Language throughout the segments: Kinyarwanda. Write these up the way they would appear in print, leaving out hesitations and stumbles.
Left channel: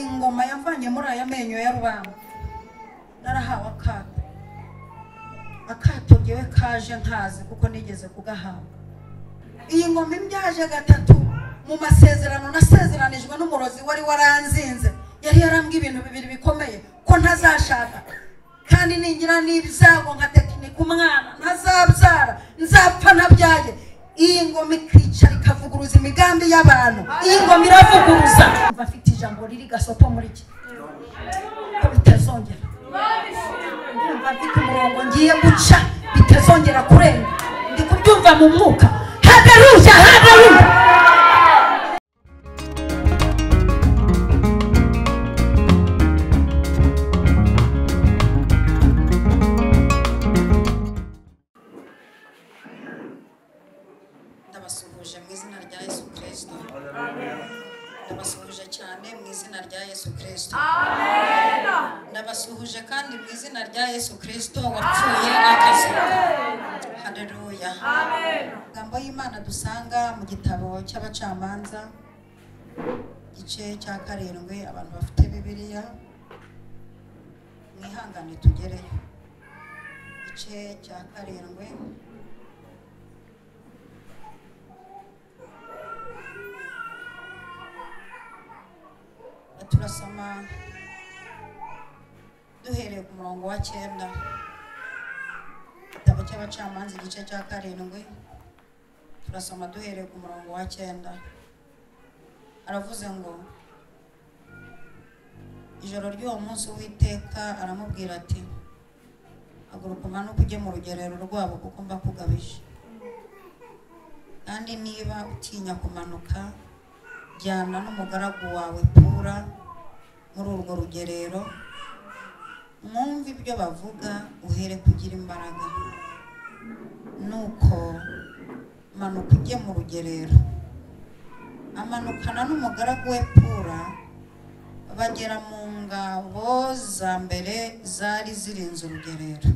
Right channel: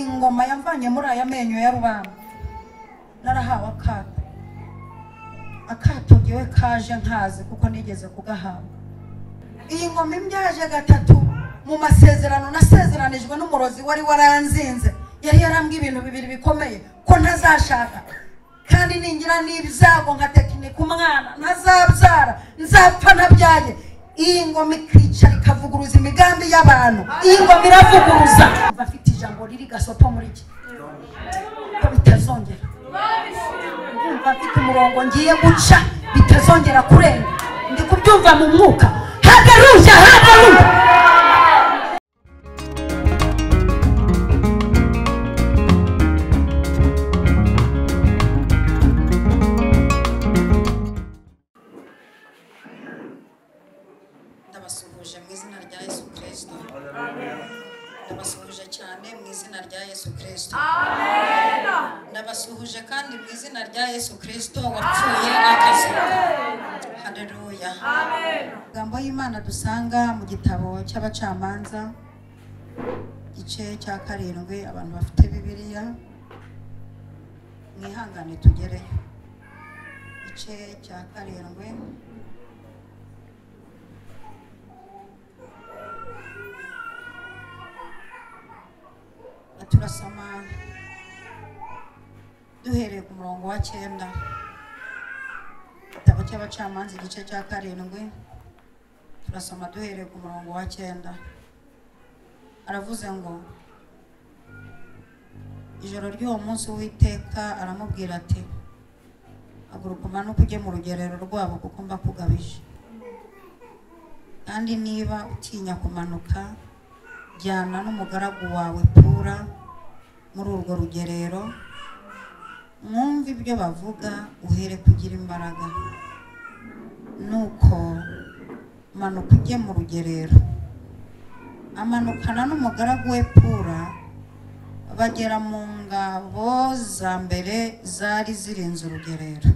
iyi ngoma yavanye muri aya menyo ya rubamba narahawe akato ngewe kaje nkazi kuko nigeze kugahabwa. Iyi ngoma imyaje gatatu mu masezerano nasezeranijwe n'umurozi wari waranzinze, yari yarambwiye ibintu bibiri bikomeye, ko ntazashaka kandi ningira n'ibyago nka tekinike umwana ntazabyara, nzapfa nabyaye. Iyi ngoma ikicara ikavuguruza imigambi y'abantu. Iyi ngoma iravuguruza. Bafite ijambo riri gasopo muri iki ko bitazongera. Bafite umurongo ngiye guca bitazongera kurera. Ndi kubyumva mu mwuka. Haleluya, haleluya. Ndabasuhuje mu izina rya Yesu Kristo. Ndabasuhuje cyane mu izina rya Yesu Kristo. Amen. Ndabasuhuje kandi mu izina rya Yesu Kristo wapfuye akazuka. Haleluya. Amen. Amagambo y'Imana dusanga mu gitabo cy'abacamanza igice cya 7. Abantu bafite Bibiliya mwihangane tugereyo. Igice cya 7 turasoma duhereye ku murongo wa 9. Igitabo cy'abacamanza igice cya 7 turasoma duhereye ku murongo wa 9. Aravuze ngo ijoro ry'uwo munsi Uwiteka aramubwira ati haguruka umanuke ujye mu rugerero rwabo kuko mbakugabije, kandi niba utinya kumanuka jyana n'umugaragu wawe Pura muri urwo rugerero, mwumve ibyo bavuga uhere kugira imbaraga. Nuko manuka ujye mu rugerero. Amanukana n'umugaragu we Pura bagera mu ngabo za mbere zari zirinze urugerero.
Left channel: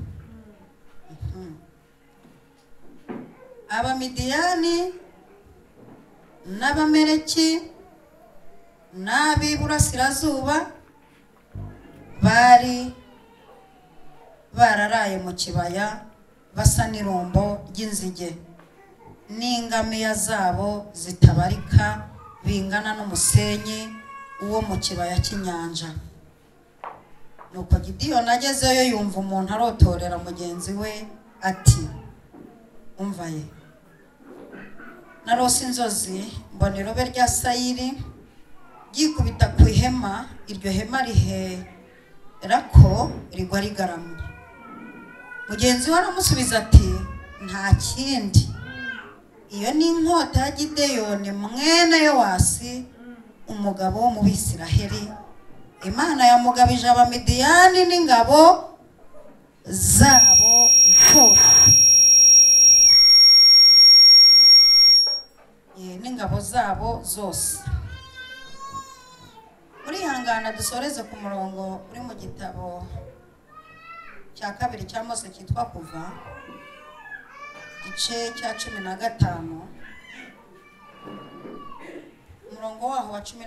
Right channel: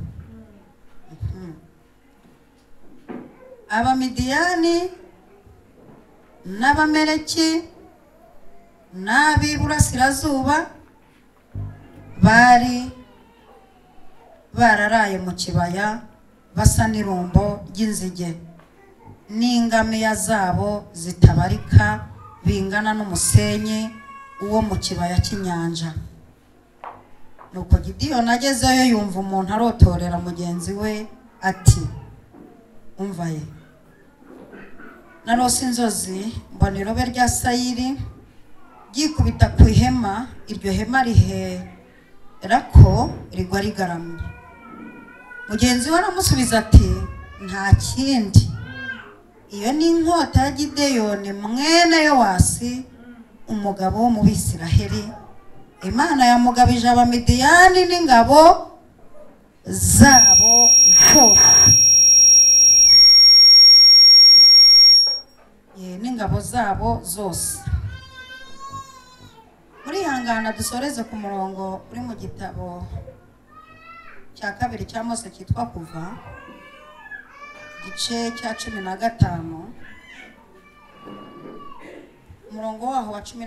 Abamidiyani n'Abameleki n'ab'iburasirazuba bari bararaye mu kibaya basa n'irumbo ry'inzige, n'ingamiya zabo zitabarika bingana n'umusenyi uwo mu kibaya cy'inyanja. Nuko Gideyoni agezeyo yumva umuntu arotorera mugenzi we ati umva ye, narose inzozi mbona irobe rya sayiri ryikubita ku ihema, iryo hema rihera ko rigwa rigaramye. Mugenzi we aramusubiza ati nta kindi, iyo ni inkota ya Gideyoni mwene Yowasi umugabo wo mu Bisiraheli. Imana yamugabije Abamidiyani n'ingabo zabo zose. N'ingabo zabo zose. Murihangana dusoreze ku murongo uri mu gitabo cya 2 cya Mose cyitwa Kuva igice cya 15 umurongo waho wa 18.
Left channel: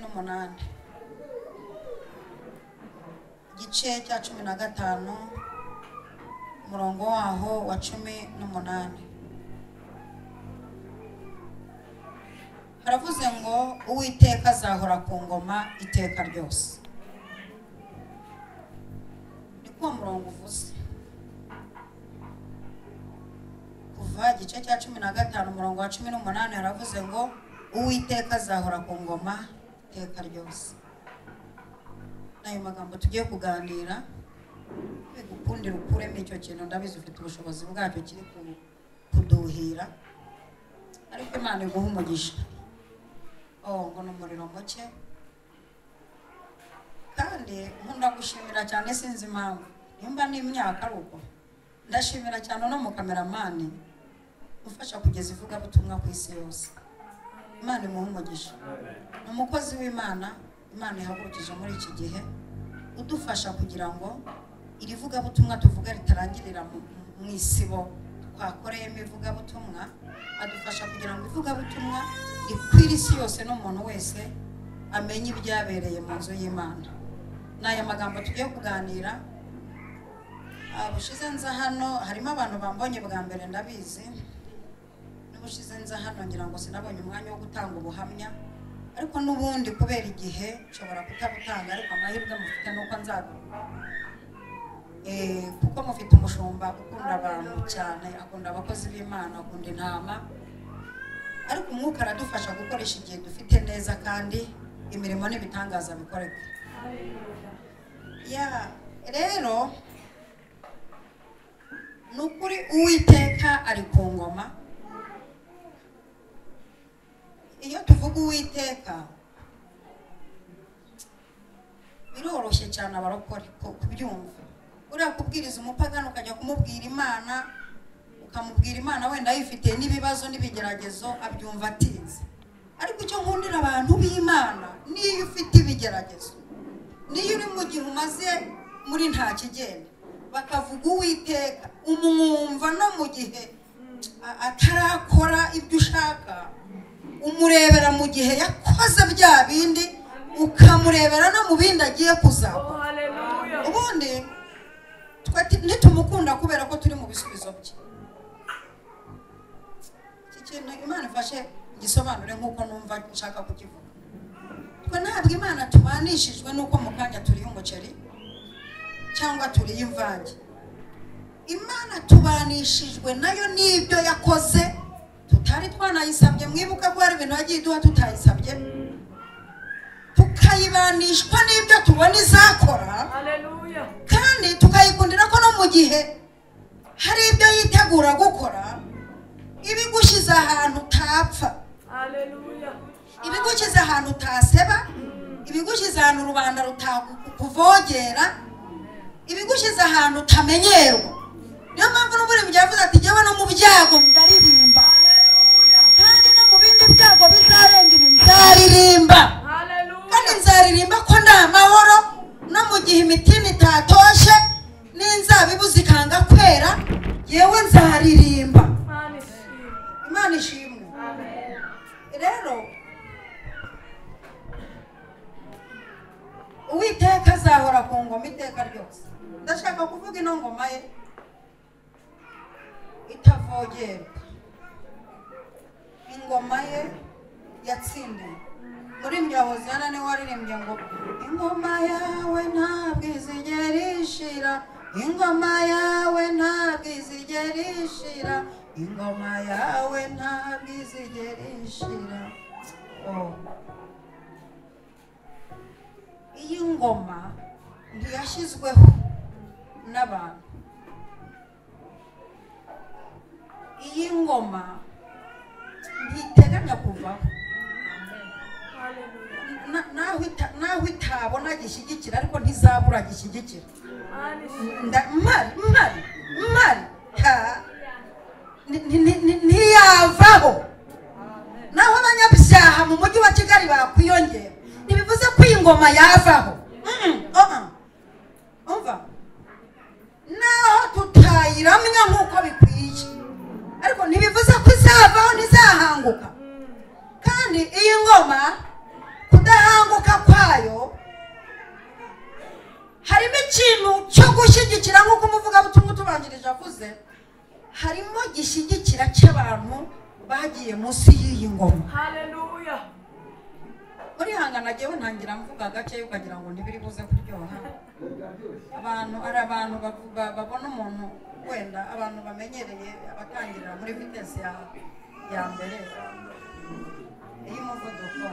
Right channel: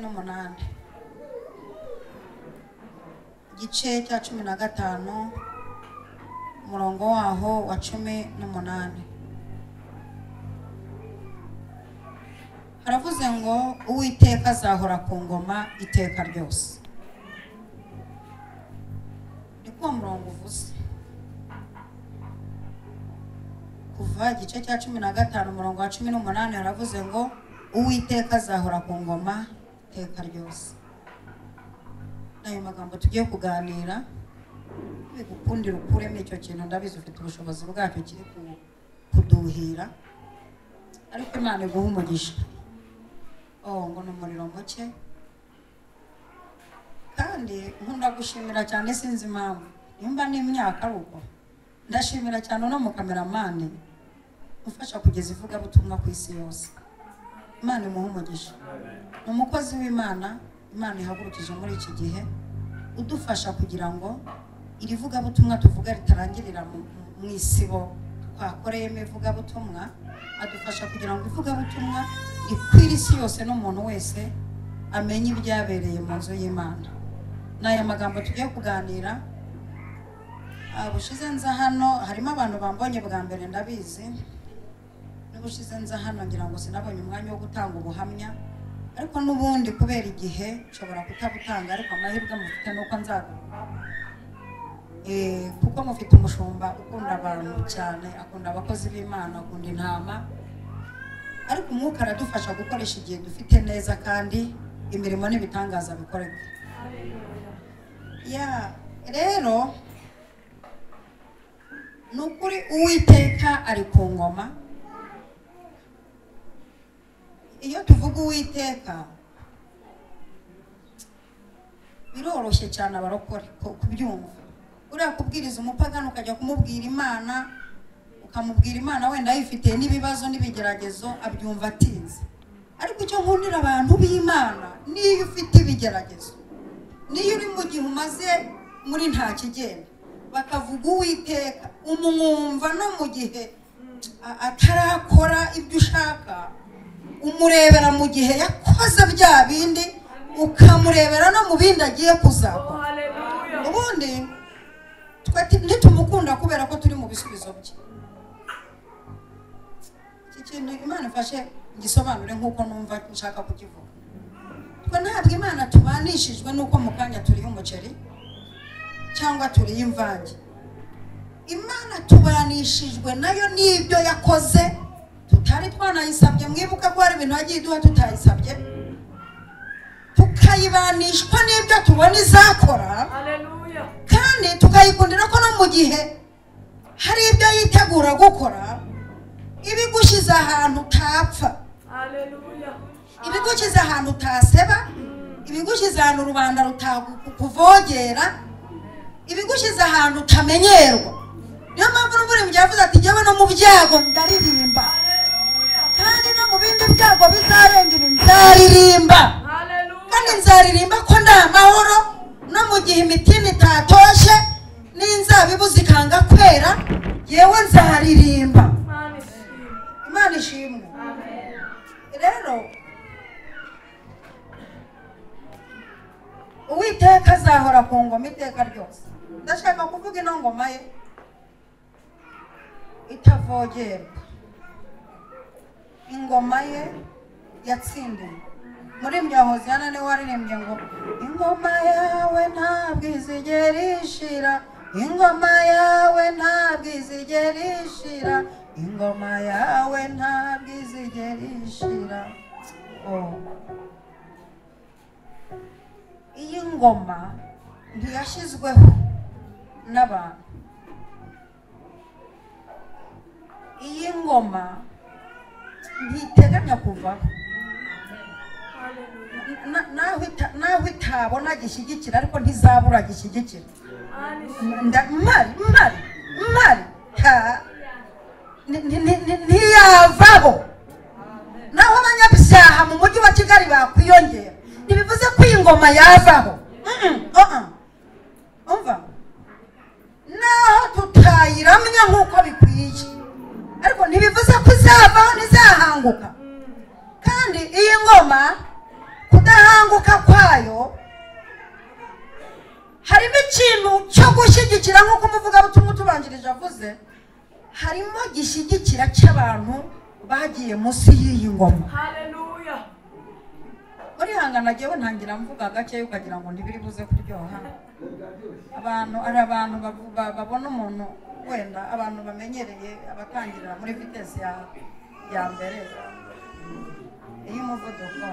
Igice cya 15 umurongo waho wa 18. Haravuze ngo Uwiteka azahora ku ngoma iteka ryose. Ni kwa murongo uvuze. Kuva igice cya 15 umurongo wa 18 haravuze ngo Uwiteka azahora ku ngoma iteka ryose. Nayo magambo tugiye kuganira bigukundira ukuremo icyo kintu, ndabizi ufite ubushobozi bwacyo kiri kuduhira, ariko Imana iguha umugisha. Ngo n'umuriro muke kandi nkunda gushimira cyane, sinzi impamvu nimba n'imyaka ruko ndashimira cyane no mu kameramani ufasha kugeza ivugabutumwa ku isi yose. Imana imuha umugisha. Ni umukozi w'Imana Imana ihagurukije muri iki gihe udufasha kugira ngo iri vugabutumwa tuvuga ritarangirira mu isibo twakoreyemo ivugabutumwa, adufasha kugira ngo ivugabutumwa ikwire isi yose n'umuntu wese amenye ibyabereye mu nzu y'Imana. N'aya magambo tugiye kuganira, bushize nza hano harimo abantu bambonye bwa mbere ndabizi, n'ubushize nza hano ngira ngo sinabonye umwanya wo gutanga ubuhamya, ariko n'ubundi kubera igihe nshobora kutabutanga, ariko amahirwe mufite nuko nzagura kuko mufite umushumba ukunda abantu cyane, akunda abakozi b'Imana, akunda intama, ariko umwuka aradufasha gukoresha igihe dufite neza kandi imirimo n'ibitangaza bikoreka. Rero nukuri Uwiteka ari ku ngoma. Iyo tuvuga Uwiteka biroroshye cyane abarokore kubyumva. Uriya kubwiriza umupagano ukajya kumubwira Imana, ukamubwira Imana wenda yifite n'ibibazo n'ibigeragezo, abyumva atinze. Ariko icyo nkundira abantu b'Imana, niyo ufite ibigeragezo, niyo uri mu gihe umaze muri nta kigenda, bakavuga Uwiteka, umwumva no mu gihe atarakora ibyo ushaka, umurebera mu gihe yakoze bya bindi, ukamurebera no mu bindi agiye kuzakora. Ubundi ntitumukunda kubera ko turi mu bisubizo bye. Iki kintu Imana ifashe gisobanure nk'uko numva nshaka kukivuga. Twe ntabwo Imana tubanishijwe nuko mu kanya turiye umuceri cyangwa turiye imvange. Imana tubanishijwe nayo n'ibyo yakoze tutari twanayisabye. Mwibuka ko hari ibintu yagiye iduha tutayisabye, tukayibanishwa n'ibyo tubona izakora. Haleluya. Kandi tukayikundira ko no mu gihe hari ibyo yitegura gukora, ibigushyize ahantu utapfa. Haleluya. Ibigushyize ahantu utaseba, ibigushyize ahantu rubanda rutakuvogera, ibigushyize ahantu utamenyerwa. Niyo mpamvu n'umurimo yavuze ati jyewe no mu byago ndaririmba. Haleluya. Kandi no mu bindi byago bizarenga ibi nzaririmba. Haleluya. Kandi nzaririmba ko nda amahoro, no mu gihe imitini itatoshe n'inzabibu zikanga kwera, yewe nzaririmba. Imana ishimwe. Amen. Rero Uwiteka azahora ku ngoma iteka ryose. Ndashaka kuvuga ino ngoma ye itavogerwa, ingoma ye yatsindiwe. Muri Hoziyana niwe waririmbye ngo ingoma yawe ntabwo izigera ishira, ingoma yawe ntabwo izigera ishira, ingoma yawe ntabwo izigera ishira. Iyi ngoma ntiyashyizweho n'abantu. Iyi ngoma ntiteganya kuvaho. Naho itabona gishyigikira, ariko ntizabura gishyigikira. Ntiyavaho. Naho abanyabyaha mu mujyi wa Kigali bakwiyongera, ntibivuze ko iyi ngoma yavaho. Umva, naho tutayiramya nk'uko bikwiye, ariko ntibivuze ko izavaho, ntizahanguka. Kandi iyi ngoma kudahanguka kwayo harimo ikintu cyo gushyigikira, nk'uko umuvugabutumwa utubanjirije avuze, harimo gishyigikira cy'abantu bagiye munsi y'iyi ngoma. Haleluya. Muri hangana jyewe ntangira mvuga gake ukagira ngo ntibiri buze kuryoha. Ari abantu babona umuntu, wenda abantu bamenyereye, abatangirira muri vitesi ya mbere y'umuvuduko.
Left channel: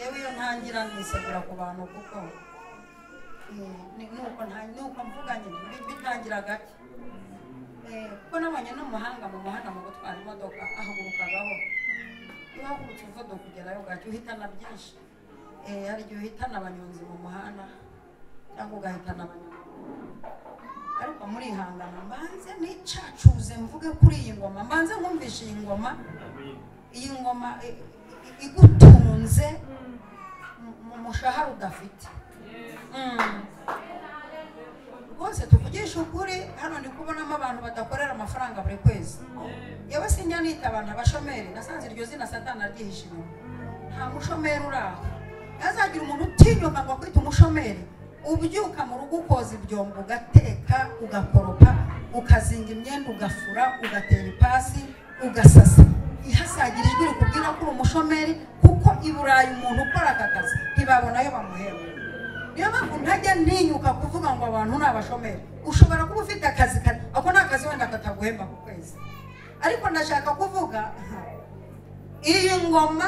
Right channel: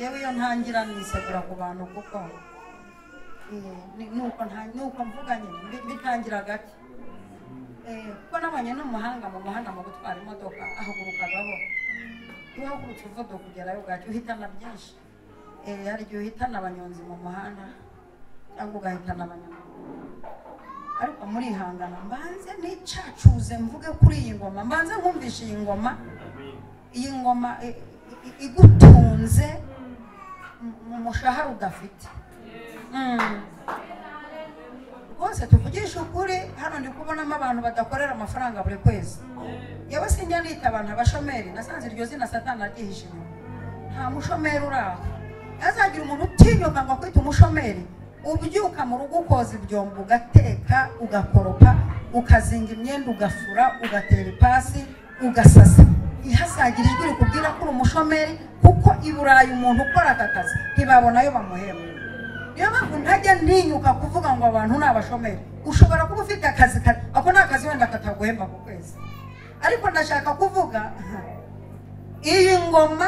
Yewe iyo ntangira nisabira ku bantu, kuko nuko mvuga nyine bitangira gake. Kuko nabonye n'umuhanga mu muhanda mu gutwara imodoka ahagurukagaho, iyo uhagurutse uvuduka kugerayo ugahita uhitana byinshi. Hari igihe uhitana abanyonzi mu muhanda cyangwa ugahitana abanyamaguru. Ariko muri ihangana mbanze nicacuze mvuge kuri iyi ngoma, mbanze nkumvishe iyi ngoma. Iyi ngoma igutunze mu mushahara udafite. Bose tuvugisha ukuri, hano ndi kubonamo abantu badakorera amafaranga buri kwezi. Yewe sinjya nita abantu abashomeri, nasanze iryo zina Satani aryihishije. Nta mushomeri uraho. azagira umuntu utinyuka ngo kwita umushomeri ubyuka mu rugo ukoza ibyombo ugateka ugakoropa ukazinga imyenda ugafura ugatera ipasi ugasasa ihasagira ijwi rikubwira ko uri umushomeri kuko i Burayi umuntu ukora aka kazi ntibabona ayo bamuhemba. Niyo mpamvu ntajya ntinyuka kuvuga ngo abantu ni abashomeri. Ushobora kuba ufite akazi ako ni akazi wenda kataguhemba ku kwezi, ariko ndashaka kuvuga iyi ngoma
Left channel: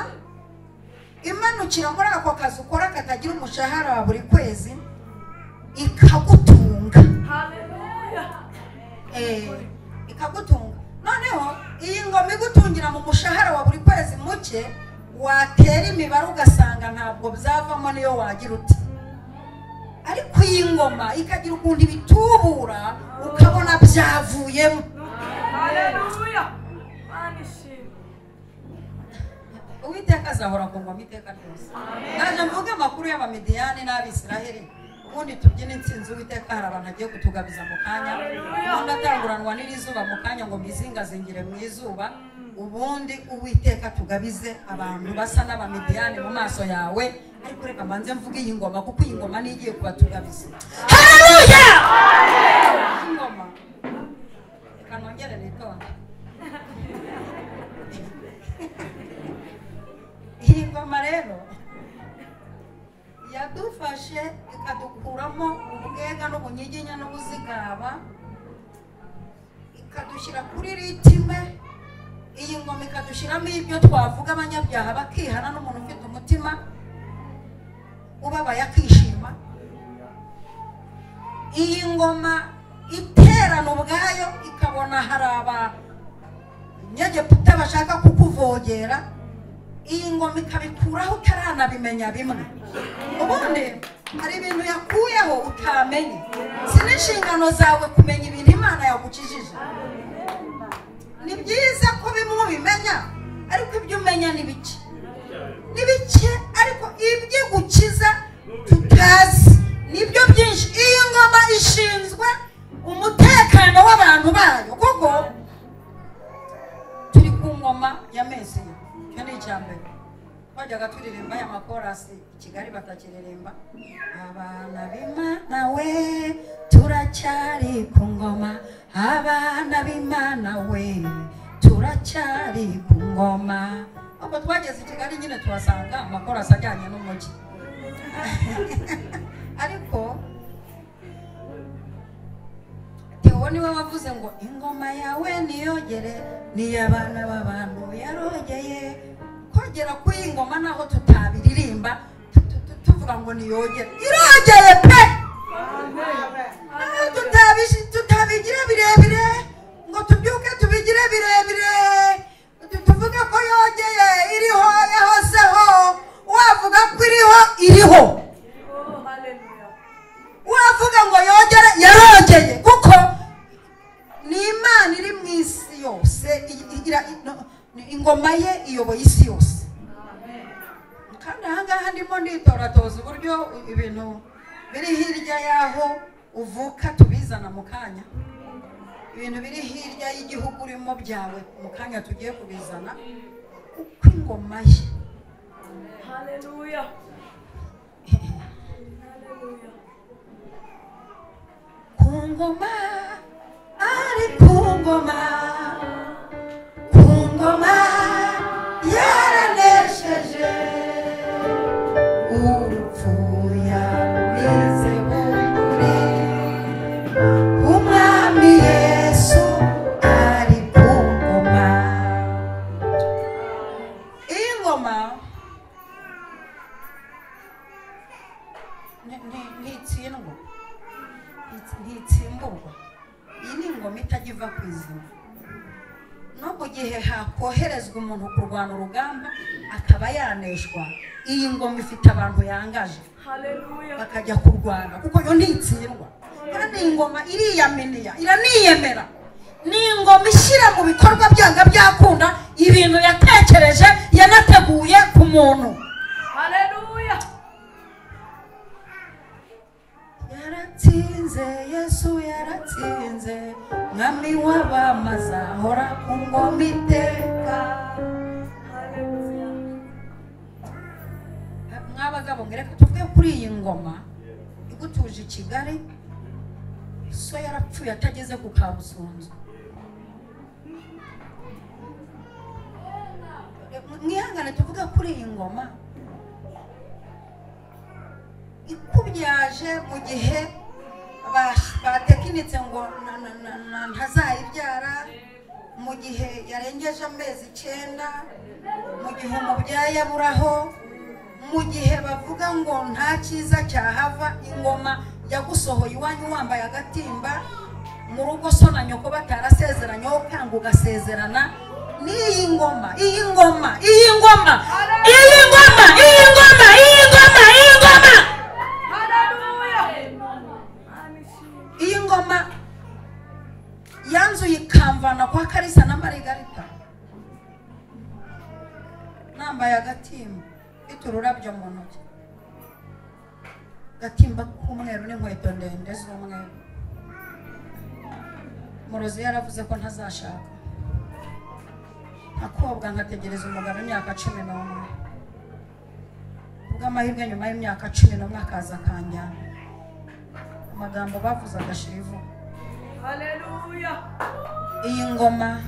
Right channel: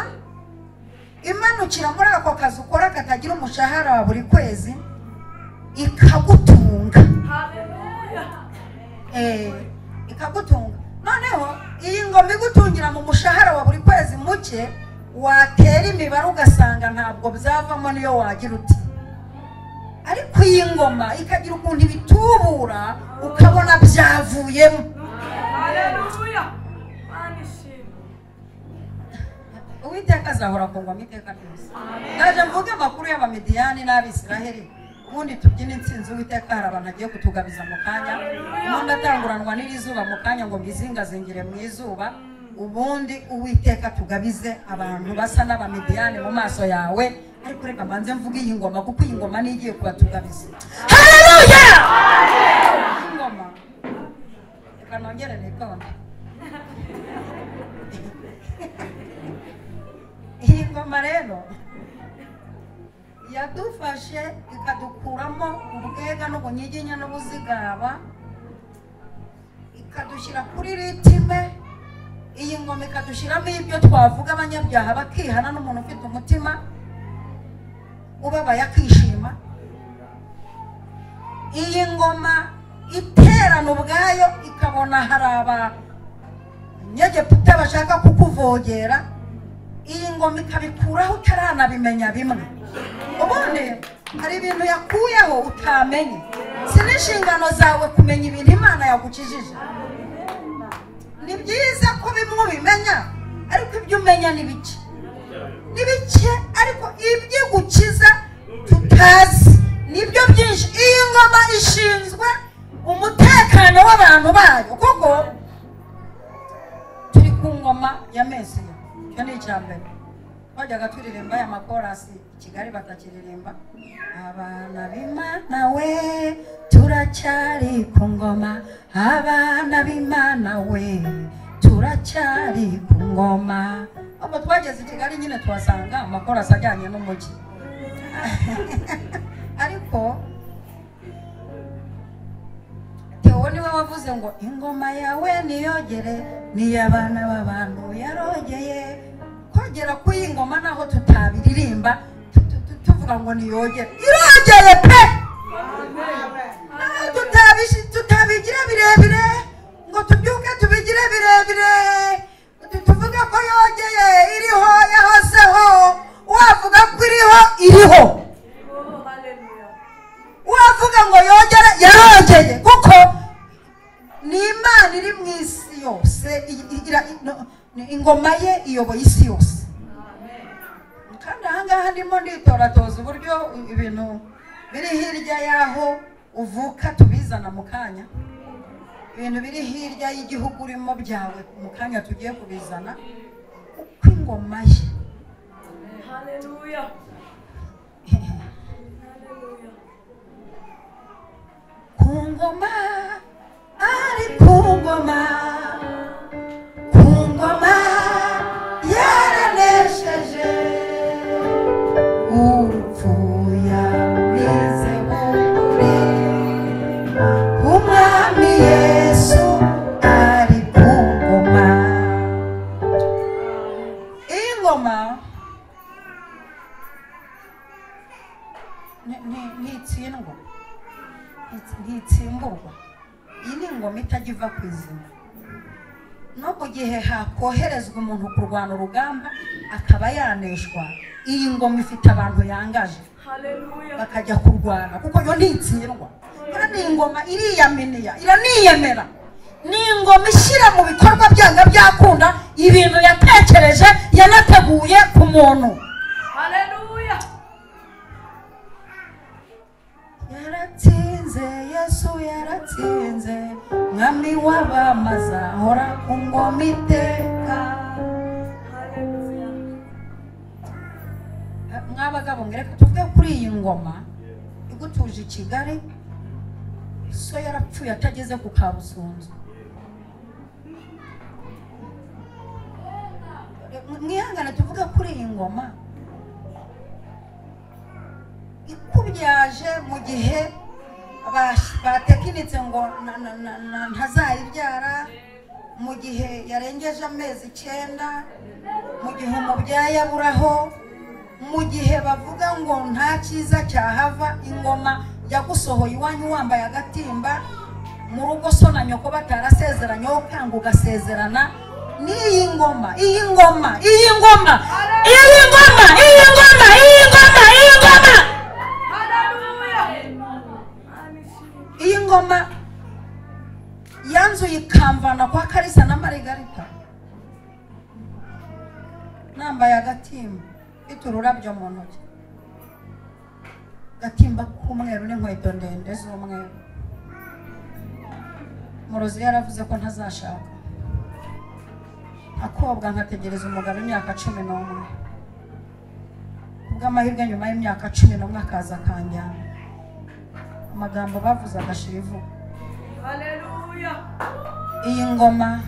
imanukira muri ako kazi ukora katagira umushahara wa buri kwezi ikagutunga. Haleluya. Ikagutunga. Noneho iyi ngoma igutungira mu mushahara wa buri kwezi muke, watera imibare ugasanga ntabwo byavamo niyo wagira uti. Ariko iyi ngoma ikagira ukuntu ibitubura ukabona byavuyemo. Haleluya. Manishimwe. Uwiteka azahora ku ngoma iteka ryose. Ndaje mvuge amakuru y'Abamidiyani n'Abisiraheli ubundi tubyina intsinzi. Uwiteka hari abantu agiye kutugabiza mu kanya, ubundi atanguranwa n'irizuba mu kanya ngo mizingazingire mu izuba, ubundi Uwiteka tugabize abantu basa n'Abamidiyani mu maso yawe. Ariko reka manze mvuge iyi ngoma kuko iyi ngoma ni igiye kubatugabiza. Haleluya. Ingoma reka nongere nitonde. Iyi ngoma rero yadufashe ikadukuramo ubwega n'ubunyiginya n'ubuzigaba ikadushyira kuri ritime. Iyi ngoma ikadushyiramo ibyo twavuga abanyabyaha bakihana n'umuntu ufite umutima ubabaye akishima. Iyi ngoma iterana ubwayo ikabona hari abanyegiputa bashaka kukuvogera. Iyi ngoma ikabikuraho utaranabimenya bimwe. Ubundi hari ibintu yakuyeho utamenye. Si n'inshingano zawe kumenya ibintu Imana yagukijije. Ni byiza ko bimwe ubimenya, ariko ibyo umenya ni bike. Ni bike, ariko ibyo gukiza tutazi nibyo byinshi. Iyi ngoma ishinzwe umutekano w'abantu bayo, kuko turi ku ngoma ya Mesiya. Icyo ni icyambere. Twajyaga turirimba aya makorasi i Kigali batakiririmba. Abana b'Imana we turacyari ku ngoma, abana b'Imana we turacyari ku ngoma. Abo twageze i Kigali nyine tuhasanga amakorasi ajyanye n'umujyi. Ariko Theo niwe wavuze ngo ingoma yawe niyogere, niy'abana b'abantu yarogeye. Kogera kuri iyi ngoma naho tutabiririmba tuvuga ngo niyogere, irogeye pe. Tutabigira birebire ngo tubyuke tubigire birebire tuvuge ko yogeye. Iriho, yahozeho. Wavuga ko iriho wavuga ngo yogere, yarogeye, kuko ni Imana iri mu isi yose. Ingoma ye iyoboye isi yose. Kandi ahangaha ndimo nditoratoza uburyo ibintu biri hirya y'aho uvuka tubizana mu kanya. Ibintu biri hirya y'igihugu urimo byawe mu kanya tugiye kubizana uko ingoma ye. Haleluya. Haleluya. Ku ngoma, ari ku ngoma, ku ngoma yaranesheje urupfu yarumize buri. Umwami Yesu ari ku ngoma. Iyi ngoma ntitsimburwa. Iyi ni ingoma itajya iva ku izina. No mu gihe hakoherezwa umuntu kurwana urugamba akaba yaneshwa, iyi ngoma ifite abantu yangaje. Haleluya. Bakajya kurwana kuko yo ntitsindwa. Ni ingoma iriyaminiya, iraniyemera. Ni ingoma ishyira mu bikorwa byanga byakunda ibintu yatekereje yanateguye ku muntu. Haleluya. Yaratsinze, Yesu yaratsinze, mwami w'abamaza ahora ku ngoma iteka. Haleluya. Mwaba bagabo ngo reka tuvuge kuri iyi ngoma igutuje i Kigali, so yarapfuye atageze ku Kabusunzu. Mwihangane tuvuge kuri iyi ngoma ikubyaje mu gihe batekinitse ngo ntazayibyara, mu gihe yarengeje amezi 9, mu gihe umubyaye aburaho, mu gihe bavuga ngo nta cyiza cyahava. Ingoma yagusohoye iwanyu wambaye agatimba, mu rugo so na nyoko batarasezeranye, ukanga ugasezerana n'iyi ngoma. Iyi ngoma, iyi ngoma, iyi ngoma, iyi ngoma, iyi ngoma, iyi ngoma, iyi ngoma yanzuye ikamvana kwa Karisa na Marigarita, nambaye agatimba, mfite ururabyo mu ntoki, agatimba k'umweru n'inkweto ndende z'umweru. Murozi yaravuze ko ntazashaka, akobwa nkategereza umugabo imyaka 11, bw'amahirwe nyuma y'imyaka 11 akaza akanjyana. Amagambo bavuze agashira ivu. Haleluya. Iyi ngoma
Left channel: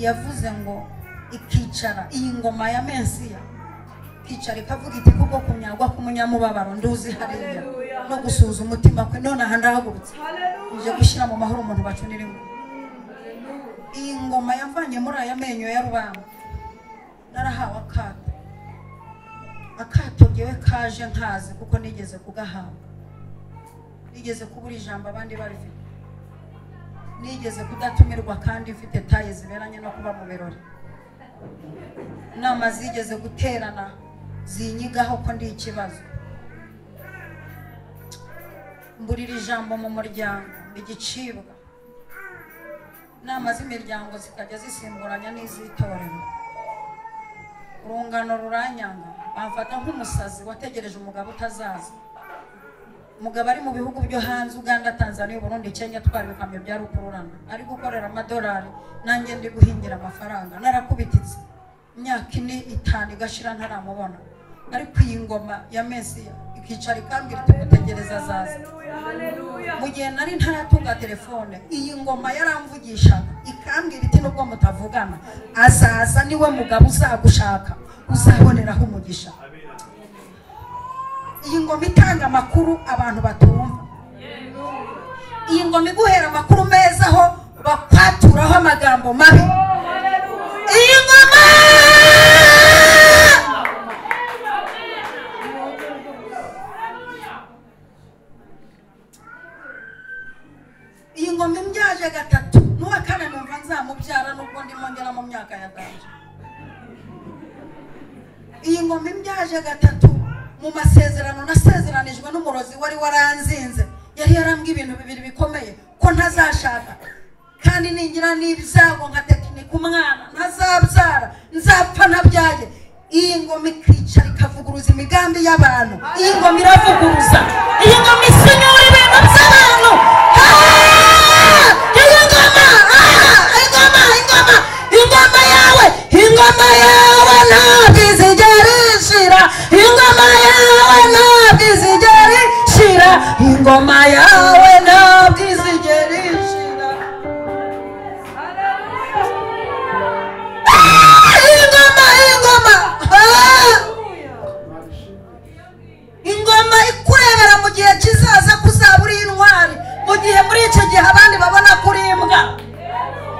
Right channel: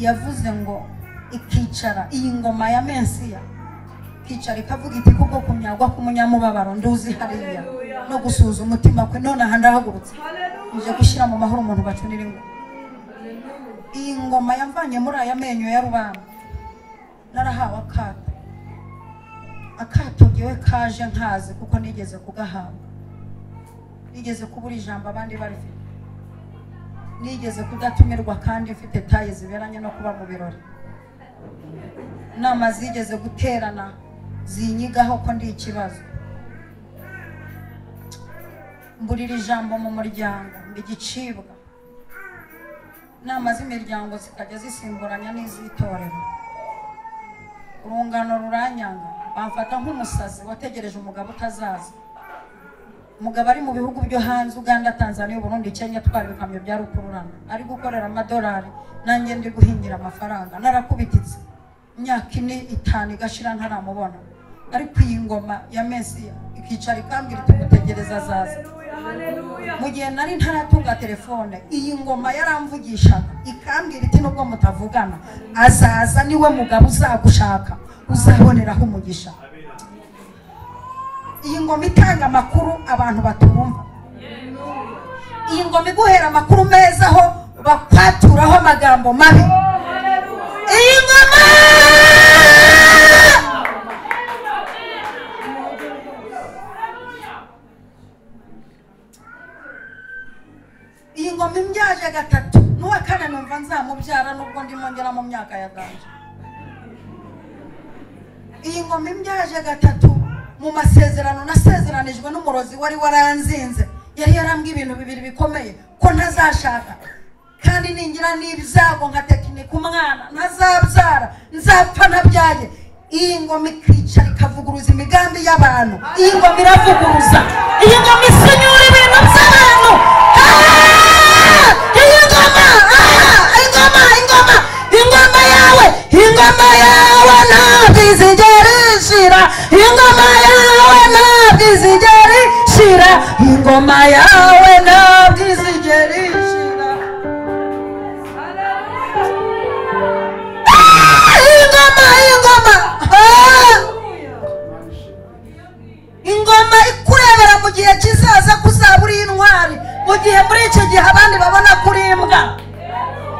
yavuze ngo ikicara, iyi ngoma ya Mensiya ikicara ikavuga iti kuko kumyagwa k'umunyamubabaro nduzi hariya no gusuza umutima kwe, none aha ndahagurutse ije gushyira mu mahoro umuntu bacuniriwe. Iyi ngoma yavanye muri aya menyo ya rubamba, narahawe akato ngewe kaje nkazi kuko nigeze kugahabwa, nigeze kubura ijambo abandi barifite, nigeze kudatumirwa kandi mfite taye ziberanye no kuba mu birori, nama zigeze guterana zinyigaho ko ndi ikibazo, mburira ijambo mu muryango mbigicibwa, nama z'imiryango zikajya zisimburanya n'iz'itorero, urungano ruranyanga, bamfata nk'umusazi wategereje umugabo utazaza. Umugabo ari mu bihugu byo hanze, Uganda, Tanzania, Burundi, Kenya, twabikamyo bya rukururana, ari gukorera amadolari, nanjye ndi guhingira amafaranga. Narakubititse imyaka 4-5 igashira ntaramubona, ariko iyi ngoma ya Mensiya ikicara ikambwira tugutegereza azaza. Mu gihe nari ntaratunga telefone, iyi ngoma yaramvugishaga ikambwira iti nubwo mutavugana azaza, niwe mugabo uzagushaka, uzaboneraho umugisha. Iyi ngoma itanga amakuru abantu batumva, iyi ngoma iguhera amakuru meza aho bakwaturaho amagambo mabi. Iyi ngoma, iyi ngoma imbyaje 3, n'uwa 4 numva nzamubyara nubwo ndimo ngera mu myaka ya danje. Iyi ngoma imbyaje 3 mu masezerano nasezeranijwe n'umurozi wari waranzinze, yari yarambwiye ibintu bibiri bikomeye, ko ntazashaka kandi ningira n'ibyago nka tekinike umwana ntazabyara, nzapfa nabyaye. Iyi ngoma ikicara ikavuguruza imigambi y'abantu, iyi ngoma iravuguruza, iyi ngoma isinyura ibintu by'abantu. Iyi ngoma, ingoma yawe, ingoma yawe ntabwo izigera ishira, ingoma yawe ntabwo izigera ishira, ingoma yawe ntabwo izigera ishira. Ingoma ikurebera mu gihe kizaza kuzabura intwari, mu gihe muri iki gihe abandi babona kuri imbwa.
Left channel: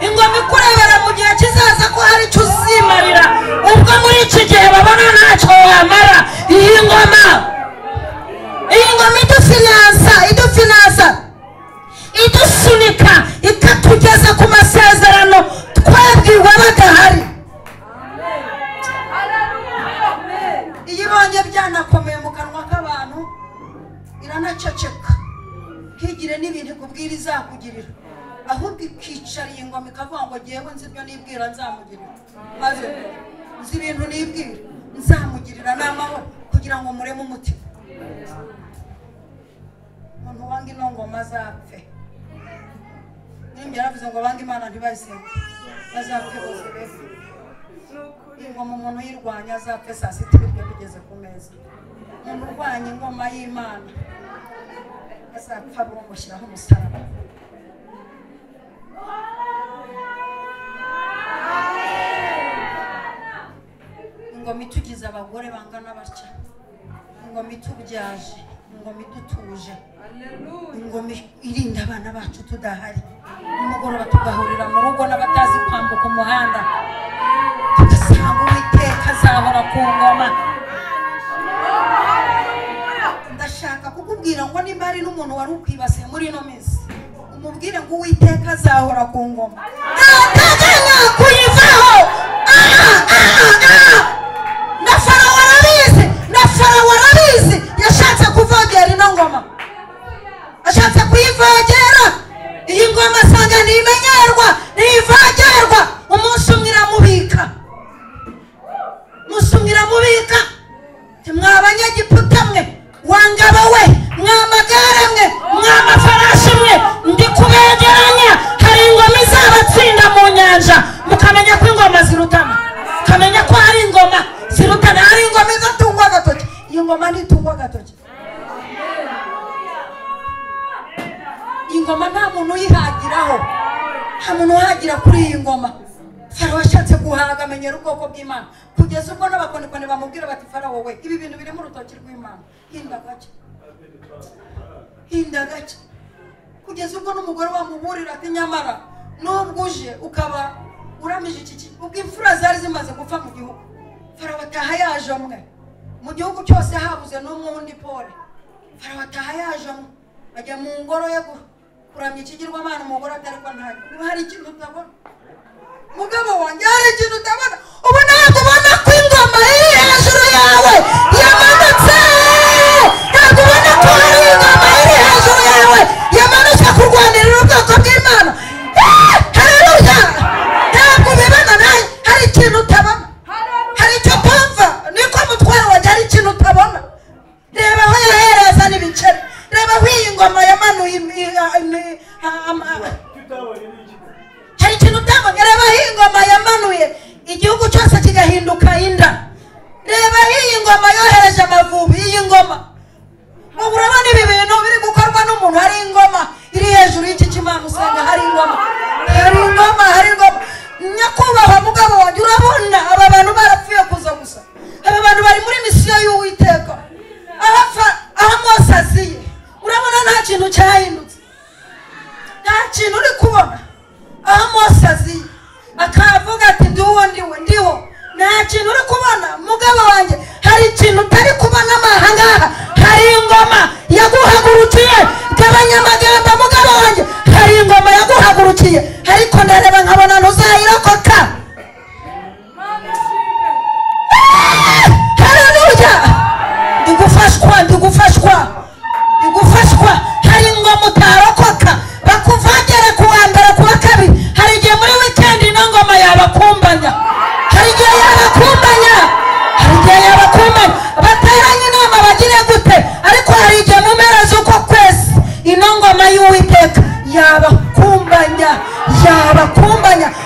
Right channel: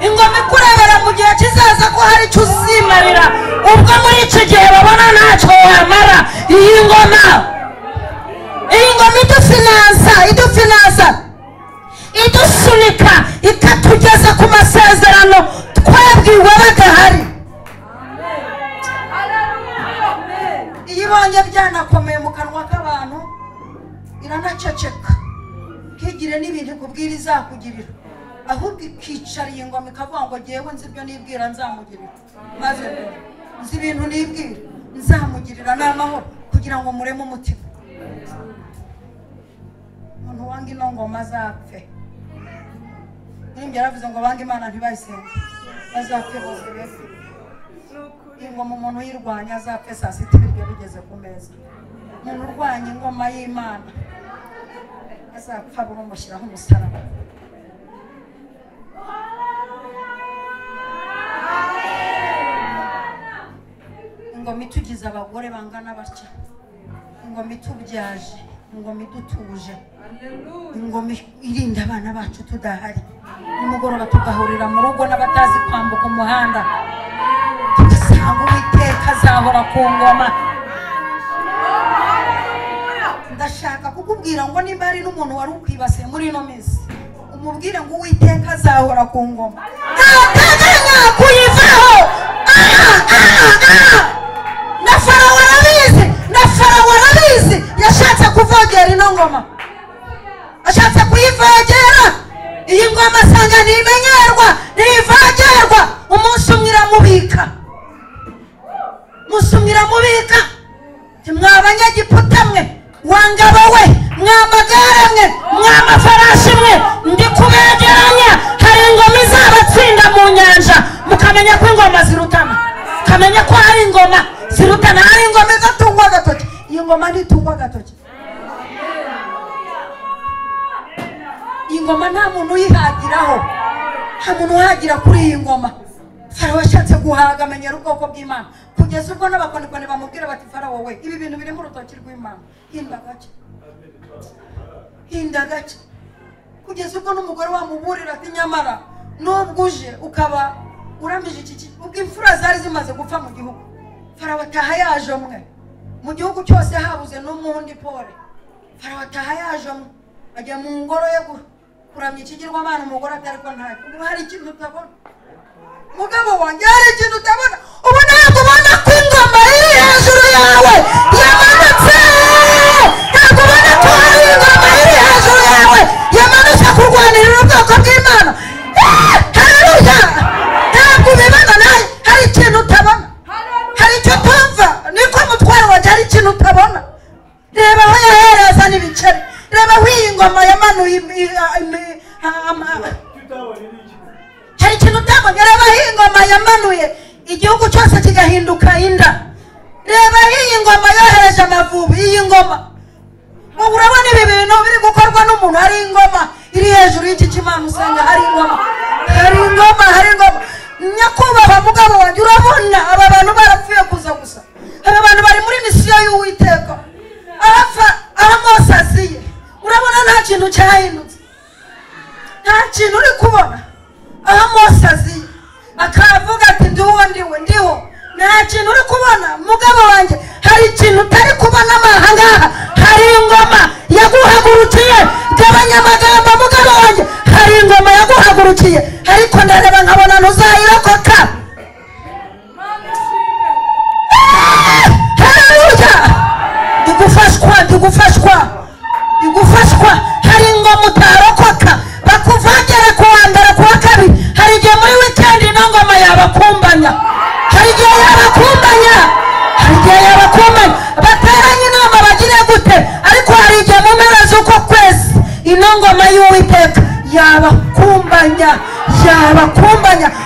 Ingoma ikurebera mu gihe kizaza ko hari icyo uzimarira, ubwo muri iki gihe babona ntacyo wamara. Iyi ngoma idufinansa, idusunika, ikatugeza ku masezerano twabwiwe badahari. Iyo ibonye byanakomeye mu kanwa k'abantu iranaceceka, ntigire n'ibintu ikubwira izakugirira, ahubwo ikicara iyi ngoma ikavuga ngo ngewe nzi ibyo nibwira nzamugirira, maze nzi ibintu nibwira nzamugirira n'amahoro kugira ngo mureme umutima. Umuntu wanga ino ngoma azapfe. Nimbye yaravuze ngo banga Imana ntibayisenge, bazapfe bose. ingoma umuntu yirwanya azapfe saa sita ibiryo bigeze ku meza. Umuntu urwanya ingoma y'Imana azapfa bamushyiraho umusaraba. Ingoma itugize abagore bangana batya, ingoma itubyaje, ingoma idutuje, ingoma irinda abana bacu tudahari, umugoroba tugahurira mu rugo n'abatazi kwambuka umuhanda tugasanga Uwiteka azahora ku ngoma. Ndashaka kukubwira ngo nimba ari n'umuntu wari ukwibase muri ino minsi, umubwire ngo Uwiteka azahora ku ngoma, ntateganya kuyivaho. Na Farawo arabizi yashatse kuvogera ino ngoma, ashatse kuyivogera. Iyi ngoma asanga ntimenyerwa, ntivogerwa. Umunsi umwe iramubika, umunsi umwe iramubika. Mwa Banyegiputa mwe, wa ngabo we, mwa magare mwe, mwa mafarashi mwe, ndi kubegeranya. Hari ingoma izabatsinda mu nyanja, mukamenya ko ingoma zirutana, mukamenya ko hari ingoma zirutana, hari ingoma izatungwa agatoki. Iyi ngoma ntitungwa agatoki. Iyi ngoma nta muntu uyihagiraho, nta muntu uhagira kuri iyi ngoma. Farawo ashatse guhaga amenyera ubwoko bw'Imana, kugeza ubwo n'abakonikoni bamubwira bati Farawo we, ibi bintu biri mu rutoki rw'Imana, hinda gake, hinda gake. Kugeza ubwo n'umugore wamuburira ati nyamara nubwo uje ukaba uramije iki, ubwo imfura zari zimaze gupfa mu gihugu. Farawo ataha yaje umwe, mu gihugu cyose habuze n'umundi pole. Farawo ataha yaje umwe, ajya mu ngoro ye kuramya ikigirwamana. Umugore atari ko ntayo, niba hari ikintu utabona mugabo wanjye, hari ikintu utabona. Ubu ntabwo ubona ko ingoma iri hejuru yawe yamanutse, ntabwo ubona ko hari ingoma iri hejuru yawe yamanutse kurwanirira ubwoko bw'Imana. Haleluya! Ntabwo ubibona nawe, hari ikintu utabona, hari icyo utumva. Niko mutware wanjye, hari ikintu utabona. Reba aho yahereza n'ibiceri, reba aho iyi ngoma yamanuye hari ikintu utabona. Reba aho iyi ngoma yamanuye igihugu cyose kigahinduka inda. Reba aho iyi ngoma yohereje amavubi. Iyi ngoma ubu urabona ibi bintu biri gukorwa n'umuntu. Hari ingoma iri hejuru y'iki kimana usanga hari ingoma, hari ingoma, hari ingoma. Nyakubahwa mugabo wanjye, urabona aba bantu barapfuye kuza gusa. Aba bantu bari muri misiyo y'Uwiteka. Aho Mose aziye, urabona nta kintu cyahindutse, nta kintu uri kubona. Aho Mose aziye akavuga ati ndiwo ndiho, nta kintu uri kubona. Mugabo wanjye, hari ikintu utari kubona ahangaha. Hari ingoma yaguhagurukiye. Gabanya amagambo mugabo wanjye, hari ingoma yaguhagurukiye, ariko nareba nkabona ntuzayirokoka. Haleluya! Igufashwa. Hari ingoma utarokoka, bakuvangera ku wa mbere, ku wa kabiri. Hari igihe muri weekend ino ngoma yabakumbanya, hari igihe yabakumbanya, bateranye inama bagire gute. Ariko hari igihe mu mpera z'uko kwezi ino ngoma y'Uwiteka yabakumbanya,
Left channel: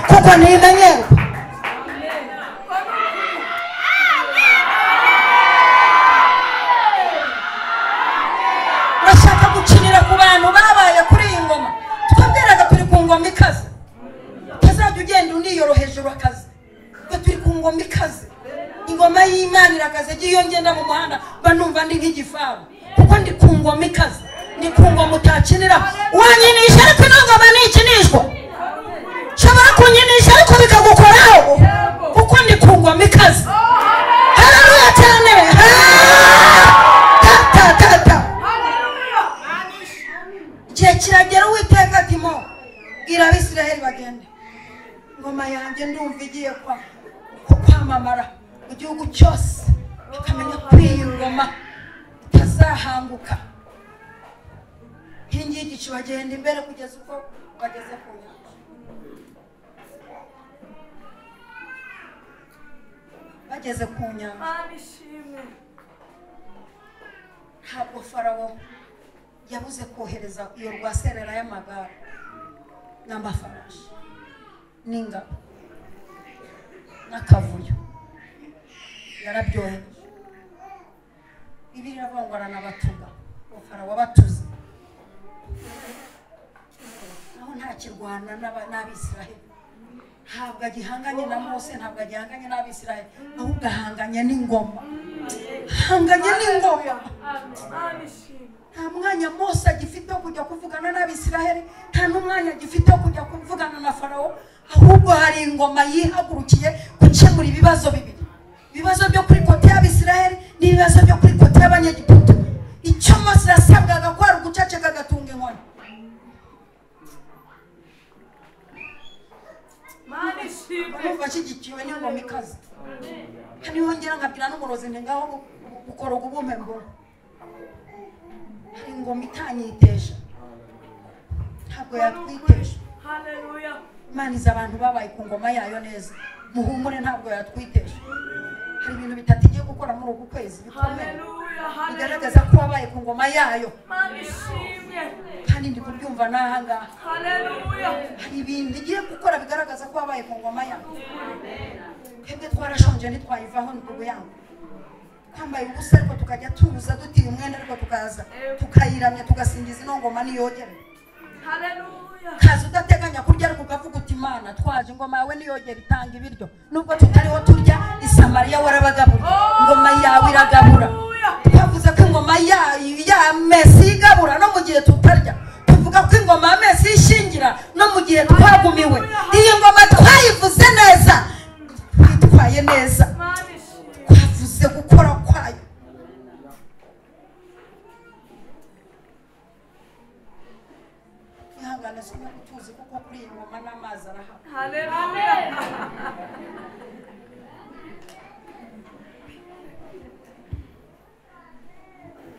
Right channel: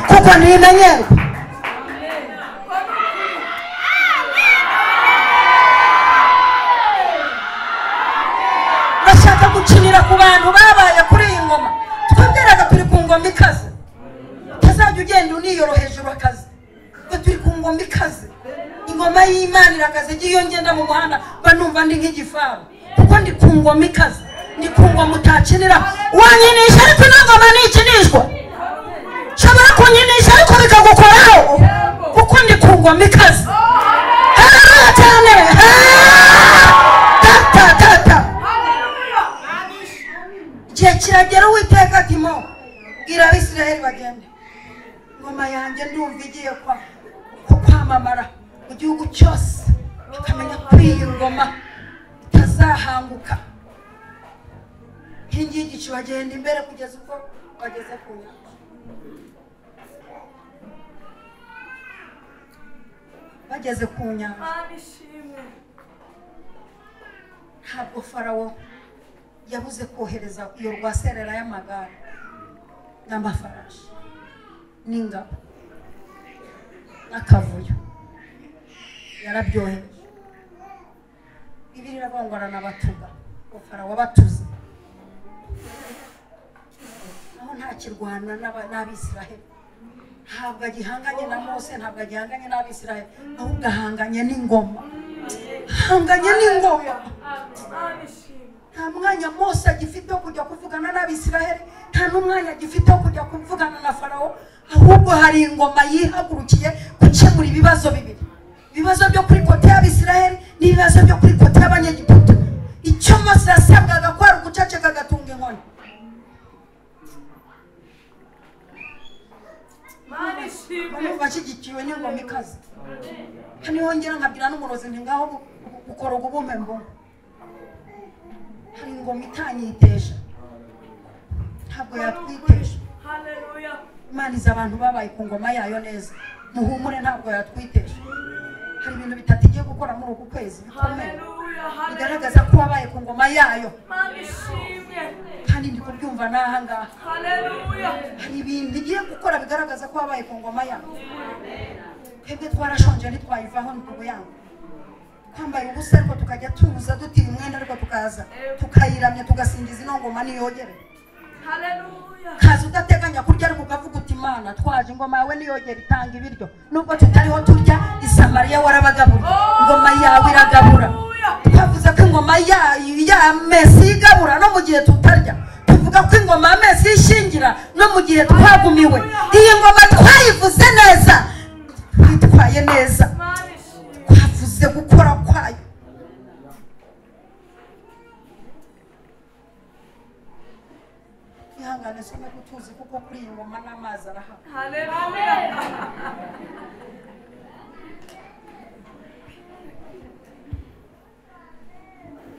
kuko ntimenyerwa. Bashaka gukinira ku bantu babaye kuri iyi ngoma. Twabwiraga turi ku ngoma ikaze, utazajya ugenda uniyoroheje urakaze, kuko turi ku ngoma ikaze. Ingoma y'Imana irakaze. Iyo ngenda mu muhanda banumva ndi nk'igifaru, kuko ndi ku ngoma ikaze, ndi ku ngoma utakirira. Wanyinisha ariko ino ngoma ntikinishwa. Nshobora kunyinisha ariko bikagukoraho, kuko ndi ku ngoma ikaze. Haleluya cyane. Igihe kiragera Uwiteka ati mo bwira Abisirayeli bagende. Ngoma yanjye ndumva igiye kwamamara mu gihugu cyose, bakamenya ko iyi ngoma itazahanguka. Iyi ngiyi igicu bagenda imbere kugeza uko bageze ku nyanja. Bageze ku nyanja, ntabwo Farawo yabuze kohereza iyo rwaserera y'amagare n'amafarashi n'ingabo n'akavuyo. yarabyohereje. Bibiliya iravuga ngo aranabatuga Farawo batuze naho ntakirwana n'Abisiraheli. Ntabwo agihanganye na Mose, ntabwo agihanganye n'Abisiraheli, ahubwo ahanganye n'ingoma. Hanganye n'ingoma. Nta mwanya Mose agifite kujya kuvugana n'Abisiraheli, nta n'umwanya agifite kujya kuvugana na Farawo, ahubwo hari ingoma yihagurukiye gukemura ibibazo bibiri. Ibibazo byo kuri kote y'Abisiraheli n'ibibazo byo kuri kote y'Abanyegiputa. Icyo Mose yasabwaga ko ari uguceceka agatunga inkoni. Mani shimwe bashyigikiwe n'ingoma ikaze. Hano yongera nkabwira n'umurozi ni ngaho gukora ububume ngo hari ingoma itanyitesha, ntabwo yatwitesha. Haleluya. Imana izi abantu babaye ku ngoma yayo neza, muhumure ntabwo yatwitesha. Hari ibintu bitatu igiye gukora muri uku kwezi. Haleluya. Bigaragaza ko wabaye ku ngoma yayo. Mani shimwe Kandi ndi kubyumva n'aha ngaha. Haleluya. Hari ibintu igiye gukora bigaragaza ko wabaye ku ngoma yayo. Twebwe twarashonje ntitwayivaho n'ubwo yangu. Twambaye ubusa ariko tukajya tuza dutira umwenda ariko tukaza tukayiramya tugasingiza ino ngoma niyogere. Haleluya. Kazi udateganya kurya ariko ukavuga uti Imana twaje ingoma yawe niyogere itanga ibiryo. Nubwo tutariho turya i Samariya warabagabura, ingoma yawe iragabura. Twavuze ko ingoma ya Mesi igabura no mu gihe tutarya. Tuvuga ko ingoma ya Mesi ishingira no mu gihe twagumiwe. Iyi ngoma twayivuze neza, twitwaye neza, twavuze gukora kwayo. Ihangane soma kutuzi kuko kuri iyi ngoma n'amazi arahaba. Haleluya.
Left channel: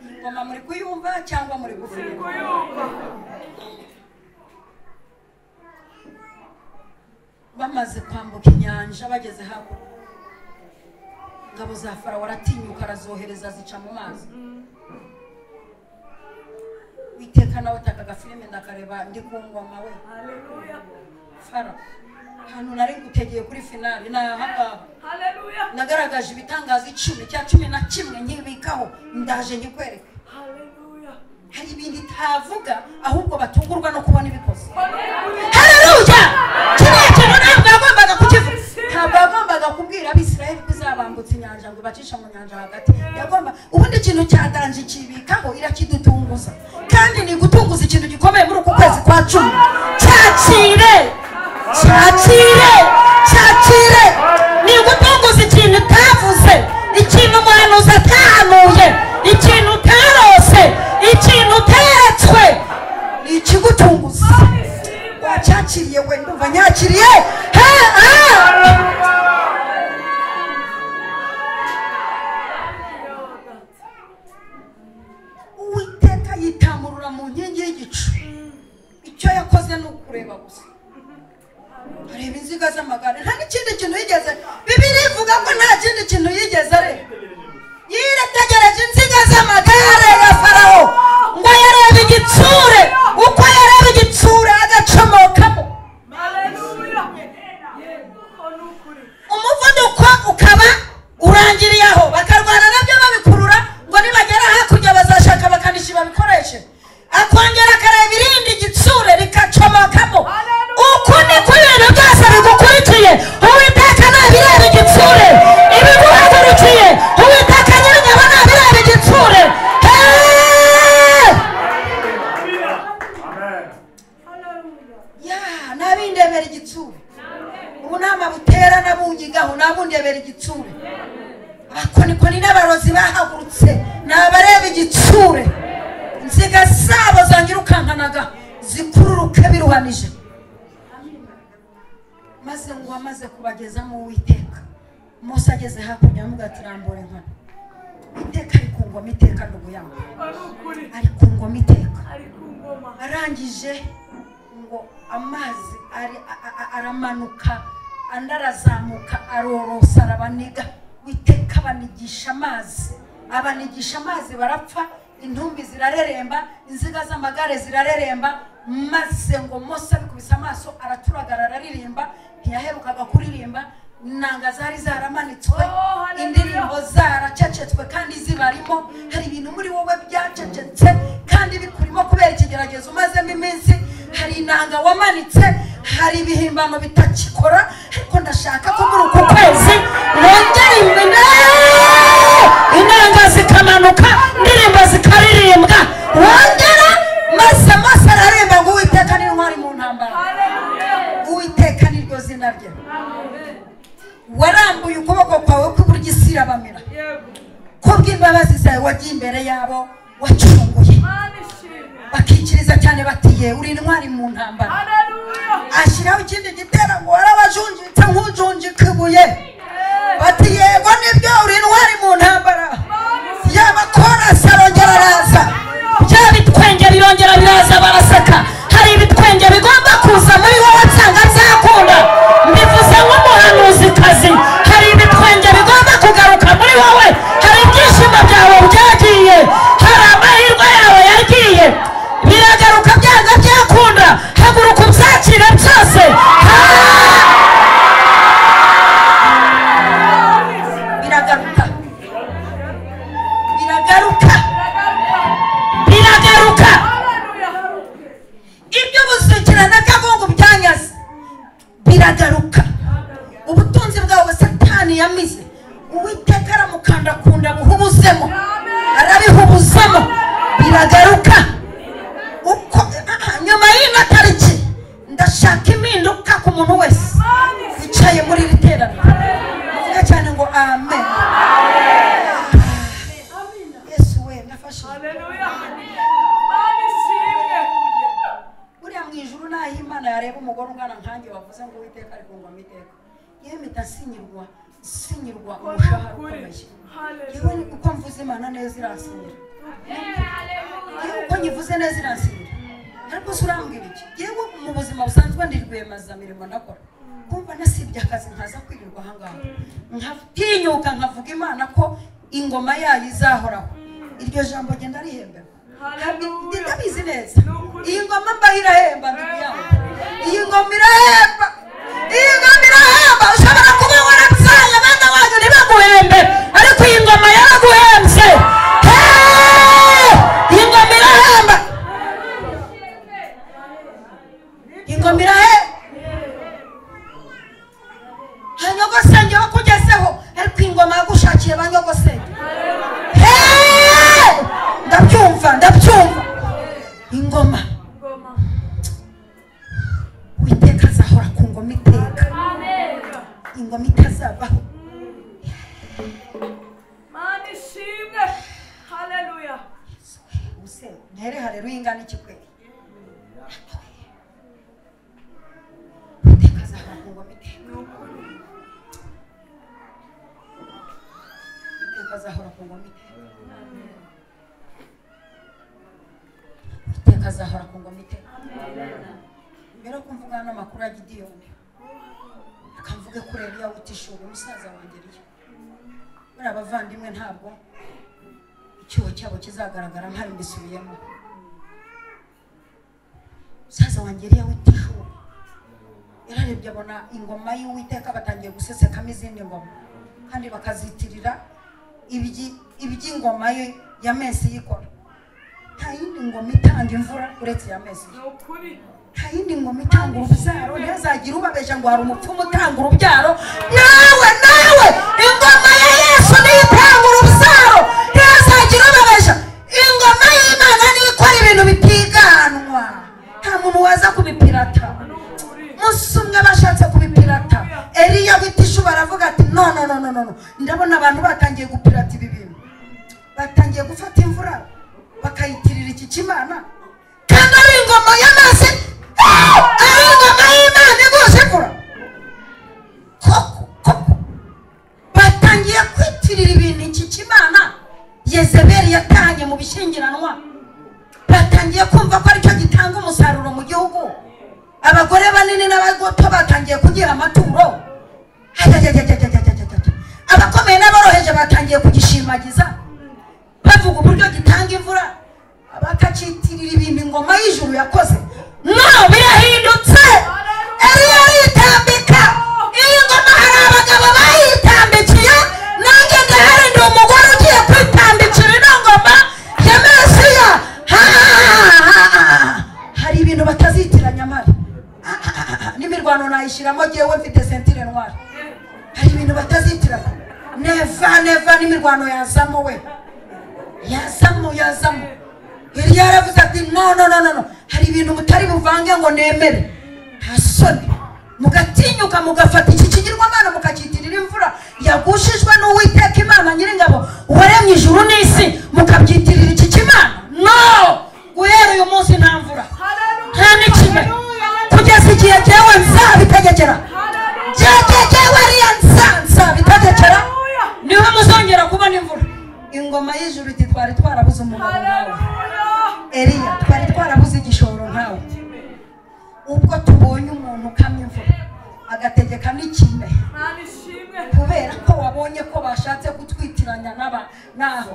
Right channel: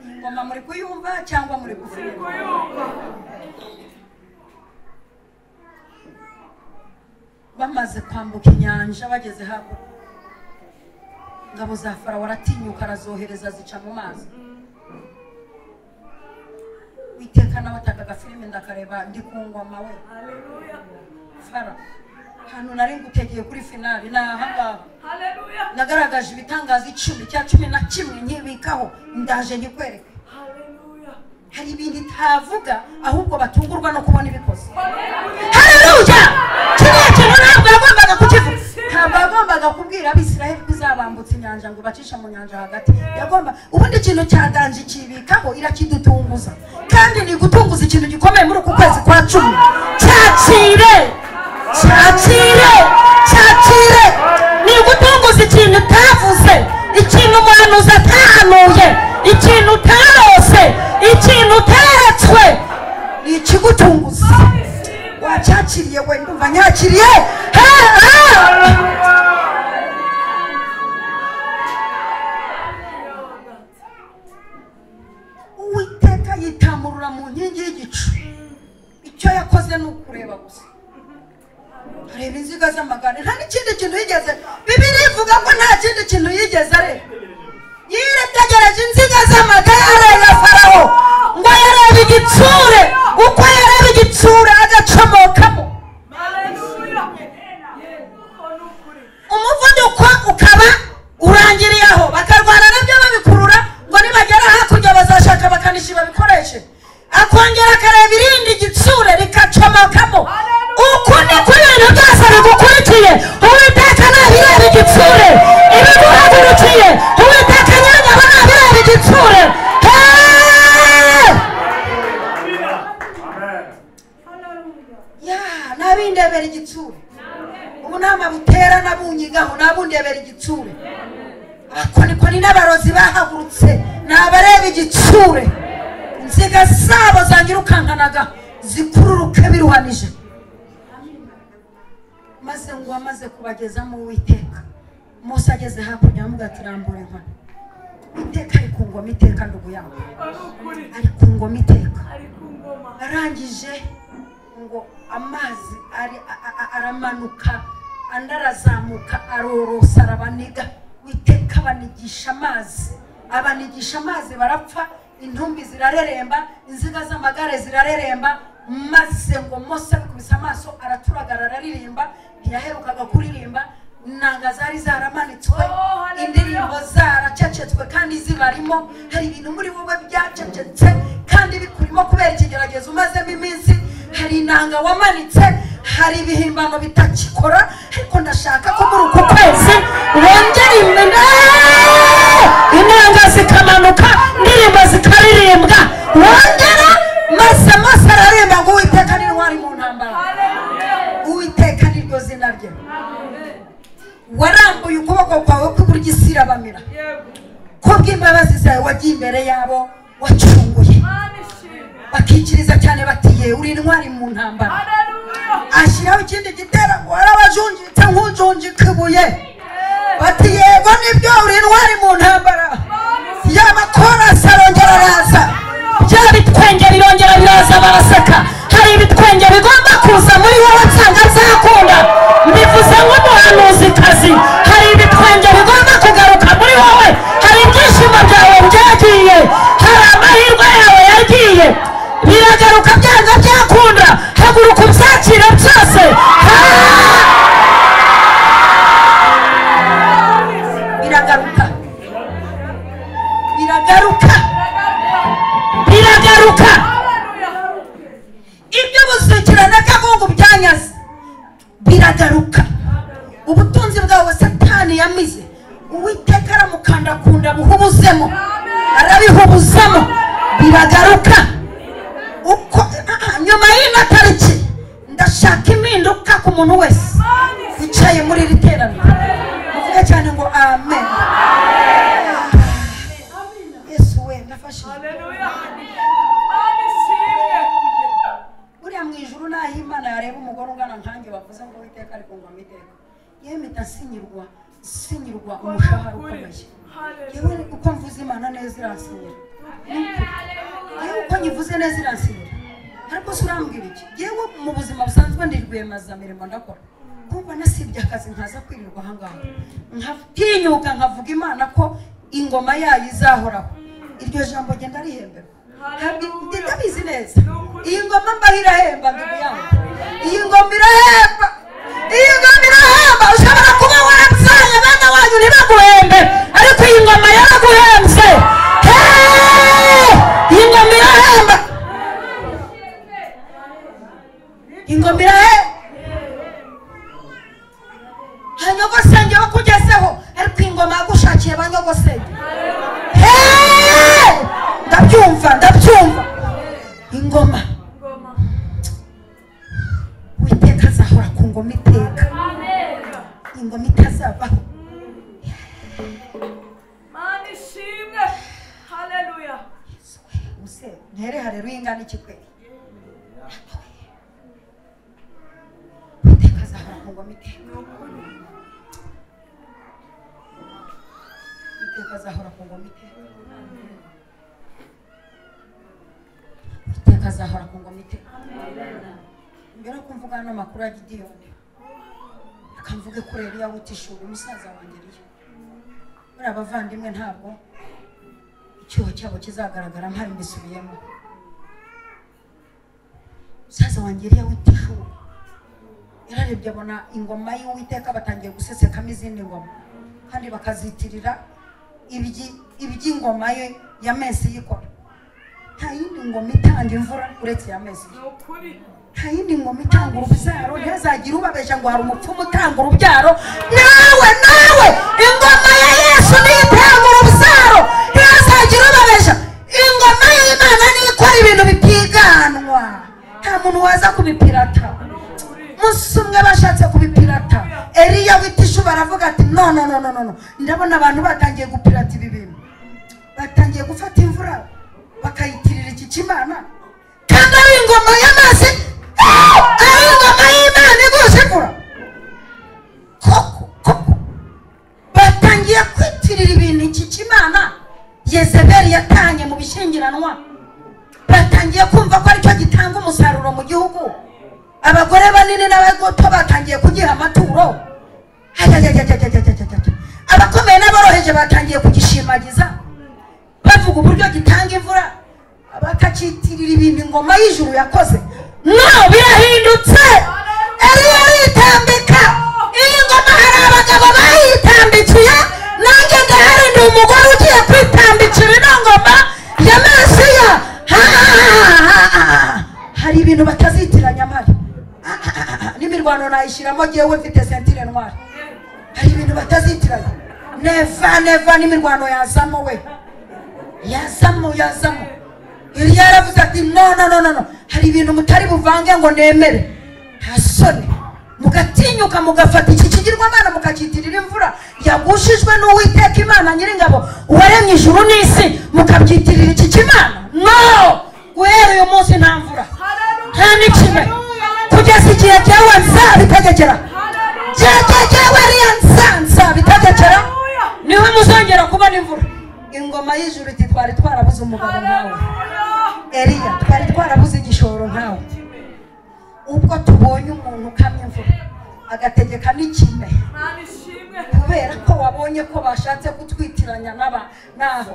Ingoma muri kuyumva cyangwa muri kuvuga? Kuyumva. Bamaze kwambuka inyanja bageze hano, ingabo za Farawo aratinyuka arazohereza zica mu mazi. Witeka nawe atakaga filime ndakareba ndi ku ngoma we. Haleluya. Farawo hano nari ngutegeye kuri finale n'aha. Haleluya. Nagaragaje ibitangaza 10 cya 11 nkibikaho ndaje nyikwereka. Haleluya. Hari ibintu itavuga ahubwo batungurwa no kubona ibikoze. Haleluya. Ntabwo yagombaga kubwira Abisiraheli ko izabambutsa inyanja ngo bacisha mu nyanja hagati. Yagomba ubundi ikintu cyadanje kibikaho irakidutunguza, kandi ni gutunguza ikintu gikomeye muri uku kwezi kwa 10. Cyakire ni gutunguza ikintu utavuze, ikintu umuhanuzi atahanuye, ikintu utarose, ikintu uteretswe, ni ikigutunguza. Cyakiriye we numva nyakiriye. Uwiteka yitamurura mu nkingi y'igicu. Icyo yakoze ni ukureba gusa. Areba inziga z'amagare, nta n'ikindi kintu yigeze. Bibiliya ivuga ko nta kindi kintu yigeze areba. Yirategereje inziga z'amagare ya Farawo ngo yarebe igitsure, uko yareba igitsure agacomokamo. Haleluya. Umuvuduko ukaba urangiriye aho, bakarwana nabyo babikurura ngo nibagera hakurya bazashaka bakanishi babikoreshe. Akongera akareba irindi igitsure rikacomokamo. Uku ni ko ibintu byose bigukurikiye. Uwiteka nabireba igitsure, ibiguhagurukiye Uwiteka nyiranyabo nabireba igitsure. Nabindebera igitsure. Ubu nama butera nabunyigaho nabundebera igitsure. Ako niko ni n'abarozi bahagurutse nabareba igitsure. Inziga zabo zanyirukankanaga zikururuke biruhanije. Maze ngo amaze kubageza mu Uwiteka, Mose ageze hakurya amugatirambura nkana. Iteka ari ku ngoma iteka n'ubuyaho. Ari ku ngoma iteka. Arangije ngo amazi aramanuka andarazamuka arorosa arabaniga. Witeka banigisha amazi barapfa, intumbi zirareremba, inziga z'amagare zirareremba. Maze ngo Mose abikubise amaso araturagara araririmba, ntiyaherukaga kuririmba inanga zari zaramanitswe indirimbo zaracecetswe kandi zibarimo hari ibintu muri wowe byacecetse kandi bikurimo kubera ikigeragezo umazemo iminsi hari inanga wamanitse hari ibihimbano bitakikora ariko ndashaka ko muri uku kwezi wongera inanga zikamanuka indirimbo zikaririmbwa wongera maze araremba ngo Uwiteka ni intwari mu ntambara Uwiteka ni ryo zina rye warambuye ukuboko kwawe kw'iburyo isi irabamira kubw'imbabazi zawe wagiye imbere yabo wacunguye bakikiriza cyane batiye uri intwari mu ntambara ashyiraho ikindi giteramo warabajunjitse nk'ujunjika ibuye bati yego nibyo uri intwari mu ntambara y'abakorasi arongera araza bya bitwenge birongera biraza baraseka hari ibitwenge bigomba kuza muri wowe nsanga nzakunda mbivuze nk'umuhanuzikazi hari ibitwenge bigomba kugaruka muri wowe hari ibyishimo byawe byagiye hari amahirwe yawe yagiye biragaruka byanga byakunda haguruka ubyakira byose biragaruka ibyo busukirana kabungu byanyaze biragaruka ubutunzi bwawe Satani yamize Uwiteka aramukandakunda buhubuzemo arabihubuzemo biragaruka uko nyuma y'ino tariki ndashaka impinduka ku muntu wese wicaye muri iri teraniro cyane ngo amen Yesu we ndafashe buriya mu ijuru naho Imana yareba umugore ungana nkanjye bavuze ngo Uwiteka ari kungwa amiteka yewe ndasinyirwa umushahara yewe uko mvuze Imana neza iransinyira uko nyivuze neza iransinyira ariko se urambwira iki yewe mu buzima busanzwe ndi rwiyemezamirimo ndakora kumva nasibye akazi nkaza kwirirwa ahangaha nkatinyuka nkavuga Imana ko ingoma yayo izahoraho iryo jambo nge narihembera ndabizi neza iyi ngoma mbaho irahemba iyi ngoma irahemba ushobora kuba warapfanye bene wanyu ntibaguhembe ariko iyi ngoma yaraguhembye iyi ngoma irahemba ingoma irahemba hanyogosenge wo kugezeho ariko ingoma yagushakiye banyogosenge ndabyumva ingoma Uwiteka azahora ku ngoma iteka ingoma itazavaho Mana ishimwe haleluya ntere haleluya ingana iki kweli Uwiteka azahora ku ngoma iteka Uwiteka azahora ku ngoma iteka Uwiteka azahora ku ngoma iteka mbere ko mvuga n'amakuru ya Gideyoni akamvuge kuri Eliya w'Utishubi umusaza wanjye muri abavandimwe ntabwo icyuho cyabo kizagaragara ntari mbisubiyemo umusaza wanjye Eliya w'Utishubi yararebye abona ingoma y'Uwiteka batangiye gusesekamo izindi ngoma kandi bakazitirira iby'ingoma ye ya Mesi yikora nta yindi ngoma itanga imvura uretse ya Mesi nta yindi ngoma itanga urubyaro ntizagira ubabesha ngo hari umupfumu utanga urubyaro nawe ingoma ya Yesu niyo itanga urubyaro ntizagira ubabesha ingoma y'Imana niyo ikora ibintu bitiganwa nta muntu waza kubipirata musi umwe bashatse kubipirata Eliya w'Utishubi baravuga ati no ndabona abantu batangiye gupirata ibi bintu batangiye gufata imvura bakayitirira iki kimana kandi ari ingoma y'amazi ari ingoma y'Imana igushikura batangiye kwitirira ibintu iki kimana Yezebeli yatanye mu bishingiranwa batangiye kumva ko aricyo gitanga umusaruro mu gihugu abagore banini n'abato batangiye kugira amaturo abakomeye n'aboroheje batangiye kugishimagiza bavuga uburyo gitanga imvura bakacitirira ibintu ingoma y'ijuru yakoze no birahindutse Eliya aritambika iyi ngoma hari abagabo nayishyiramo jyewe mfite sentire noire hari ibintu batazitiranya neva n'imirwano yazamo we yazamo Eliya yaravuze ati no hari ibintu mutari buvange ngo nemere hasone mugatinyuka mugafata iki kigirwamana mukakitirira imvura yagushijwe n'Uwiteka Imana Nyiringabo waremye ijuru n'isi mukabyitirira iki kimana no guhera uyu munsi nta mvura nta n'ikime kugeza igihe jyewe nzabitegekera jyewe Eliya nzabitegekera niho muzongera kubona imvura ingoma y'ijuru iti twari twarabuze umugabo Eliya twari twarabuze igishoro nkawe ubwo tubonye umuntu ukamya imvura agategeka n'ikime kubera ko wabonye ko bashatse kutwitiranya n'abo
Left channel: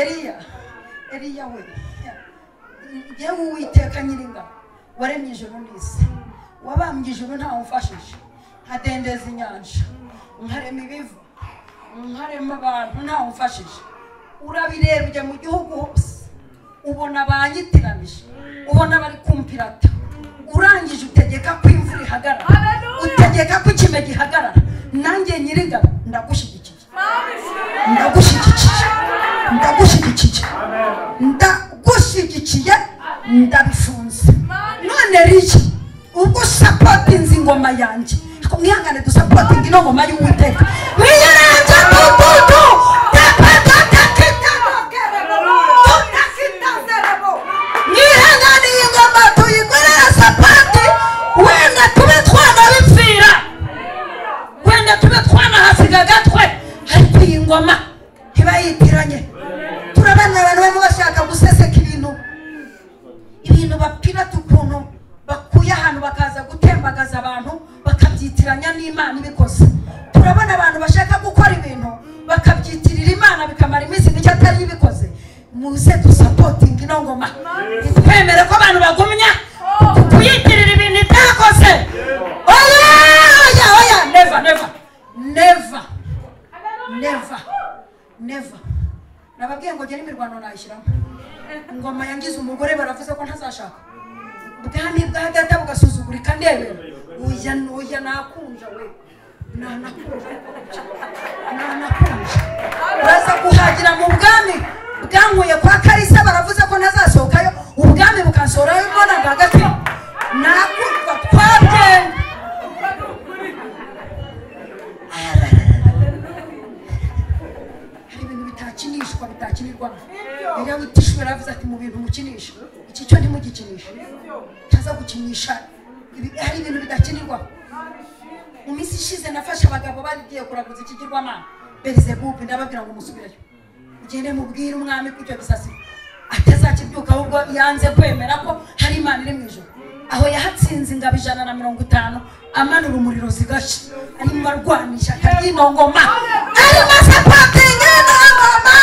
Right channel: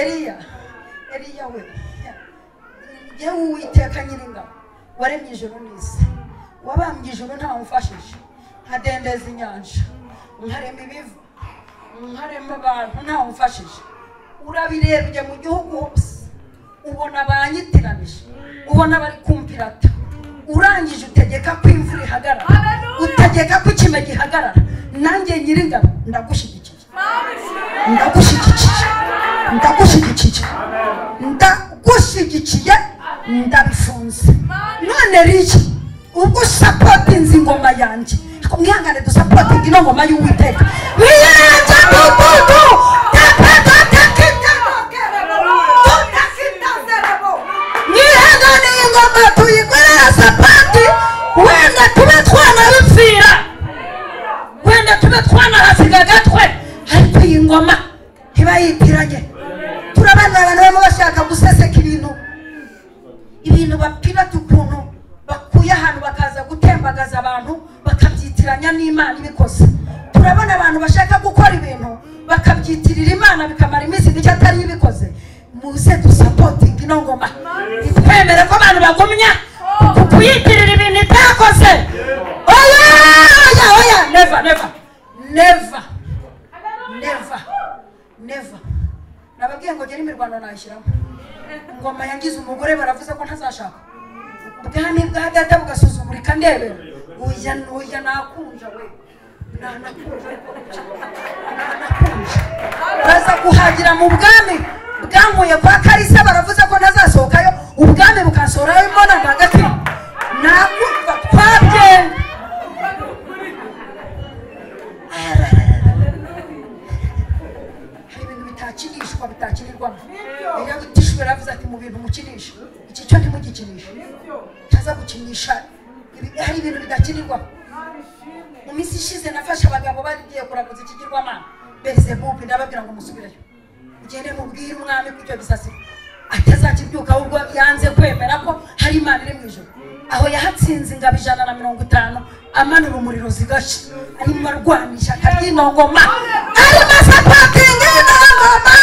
Eliya we yewe Uwiteka Nyiringabo waremye ijuru n'isi wabambye ijuru ntawe umfashije nkadendeza inyanja nkarema ibivu nkarema abantu ntawe umfashije urabirebye mu gihugu hose ubona banyitiranije ubona bari kumpirata urangije utegeka ko imvura ihagarara utegeka ko ikime gihagarara nanjye Nyiringabo ndagushyigikiye ndabifunze none Eliya ubwo usapotinze ingoma yanjye mwihangane dusapotinga ino ngoma y'Uwiteka mwiyeranje mututu mwihangane ingoma tuyikorera sapati wenda tube twanabipfira wenda tube twanahasiga gatwe ariko iyi ngoma ntibayitiranye turabona abantu baba bashaka guseseka ibintu bapirata ukuntu bakuye ahantu bakaza gutembagaza abantu bakabyitiranya n'Imana ibikoze turabona abantu bashaka gukora ibintu bakabyitirira Imana bikamara iminsi mike atari ibikoze muze dusapotinga ino ngoma twemere ko abantu bagumya kuyitirira ibintu itakoze oya never nababwiye ngo ngere imirwano nayishyiramo ingoma yangize umugore baravuze ko ntazashaka ubwami bwa data bugasuzugurika ndebe oya nakunja we nanakunja baza kuhagira mu bwami bwankuye kwa Karisa baravuze ko ntazasohokayo ubwami bukansorayo mbona hagati nakumva twagenda bitakinirwa Eliya gutishwe ravuze ati mu bintu mukinisha iki cyo ntimugikinisha taza gukinisha hari ibintu bidakinirwa mu minsi ishize nafashe abagabo bagiye kuraguza ikigirwamana Berizebubu ndababwira ngo musubirayo ugende mubwire umwami ko icyo bisasira atazakibyuka ahubwo yanze kwemera ko hari Imana iri mu ijuru aho yahatsinze ingabo 150 amanura umuriro zigasha arimo arwanisha akino ngoma arimo sapotinga ngoma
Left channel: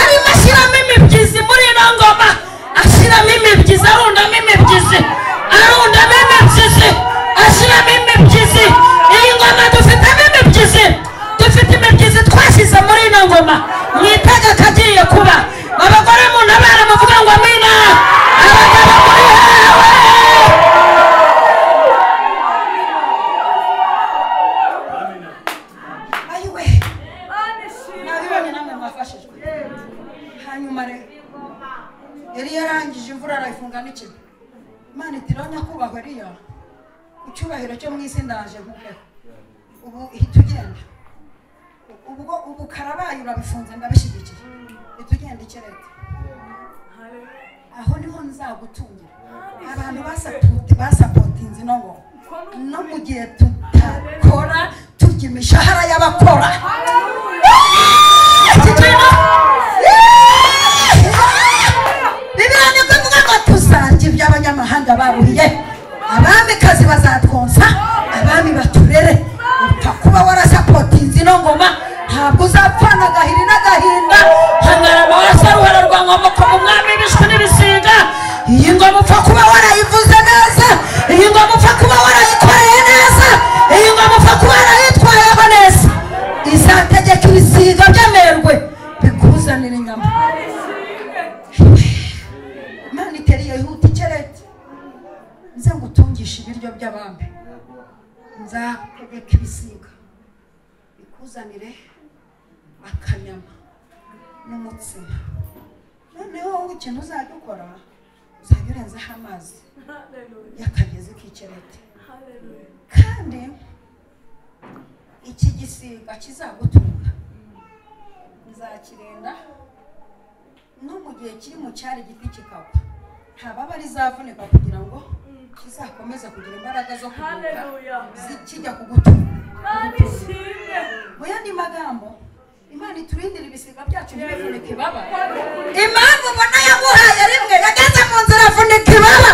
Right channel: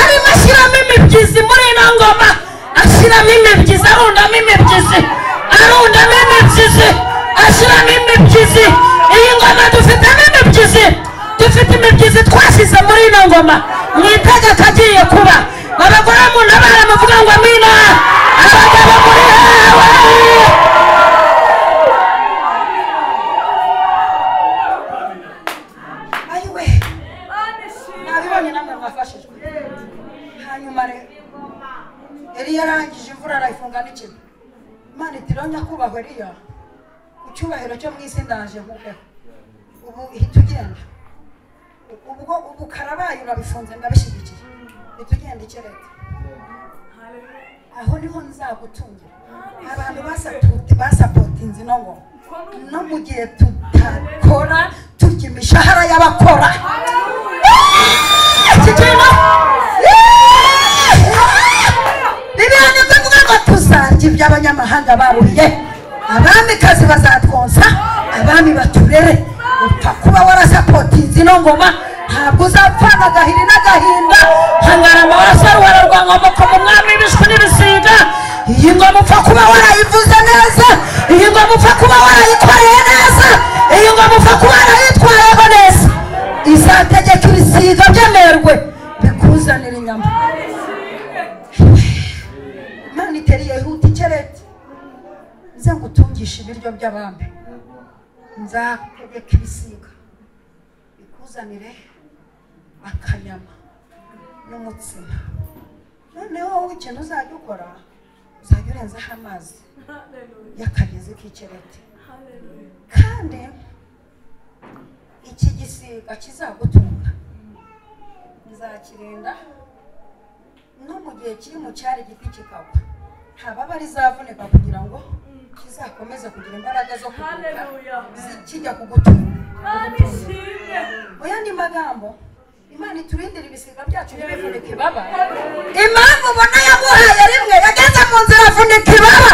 arimo ashyiramo imibyizi muri ino ngoma ashyiramo imibyizi arundamo imibyizi ashyiramo imibyizi iyi ngoma dufitemo imibyizi dufite imibyizi twashyize muri ino ngoma mwitega kagiye kuba abagore mu nabara bavuga ngo amina Eliya arangije imvura arayifunga n'ikime Imana itironya kubahwa Eliya icyubahiro cyo mu isi ndaje muke ubu hitugenda ubwo karabaye urabifunze ndabishyigikiye hitugenda ikirete aho niho nzagutungira abantu basapotinze no mu gihe tutakora turya imishahara y'abakora Bibiliya ivuga ngo tuzarya iby'abanyamahanga baruhiye abamikazi bazatwonsa abami baturere kuba warasapotinze ino ngoma ntabwo uzapfana agahiri n'agahinda hangarama warasarwara rwa ngoma ko mu mwami bishwe n'ibisiga iyi ngoma upfa kuba warayivuze neza iyi ngoma upfa kuba warayikoreye neza iyi ngoma upfa kuba warayitwayeho neza izategeka ibisiga by'amerwe bikuzanira inyama Imana itereye ihuta ikerete nze ngutungisha ibiryo by'abami, nzategeka ibisiga bikuzanire akanyama n'umutsima. Noneho wowe ikintu uzajya ukora, uzajya urenzaho amazi y'akagezi k'ikereti, kandi iki gisiga kizagutunga nzakirinda no mu gihe kiri mu cyari giti kikagwa, nta baba rizavunika kugira ngo kizakomeze kugira imbaraga zo kijya kugutunga. Mu yandi magambo, Imana iturindira ibisiga byacu ntibivunike ibaba. Impamvu ubona yaguhaye rimwe yageze mu nzira avunika ibaba.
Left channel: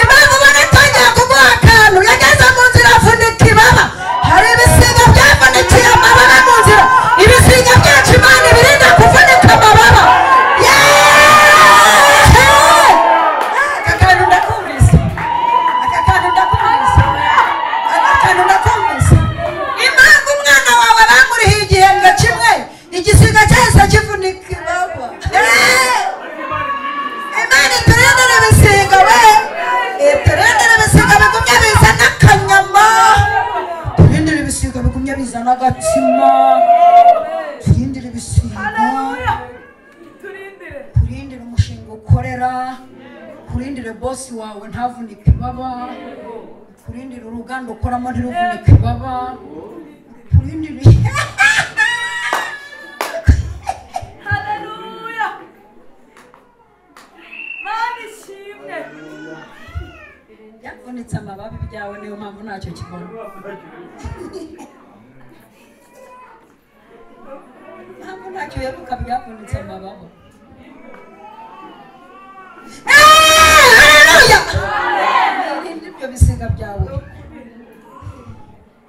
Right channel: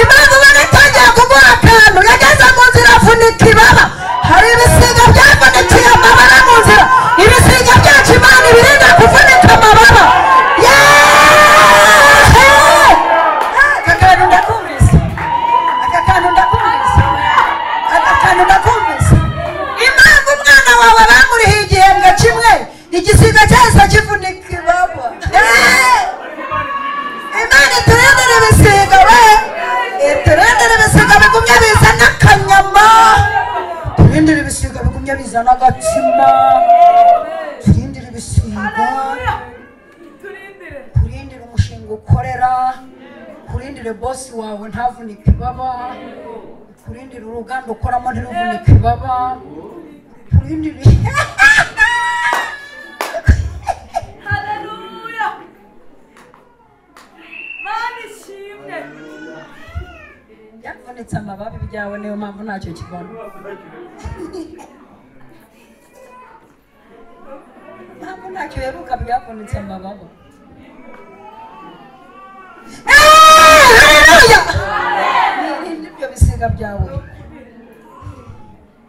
Impamvu ubona atongera kuguha akantu yageze mu nzira avunika ibaba. Hari ibisiga byavunikiye amababa mu nzira. Ibisiga byacu Imana ibirinda kuvunika amababa. Igisiga cyose kivunika ibaba. Imana iturindira ibisiga we, iturindira ibisiga bigumye bizana akanyama, turindira ibisiga bigumye bizana agatsima, turindira ibisiga, kurindira umushinga ukorera, kurindire bosi wawe ntavunike ibaba, kurindira uruganda ukoramo ntiruvunike ibaba, kurindira yavunitse amababi byawe, niyo mpamvu ntacyo kibona. Ntabwo ntacyo wibuka byavunitse amababi. Ibyo bisiga byawe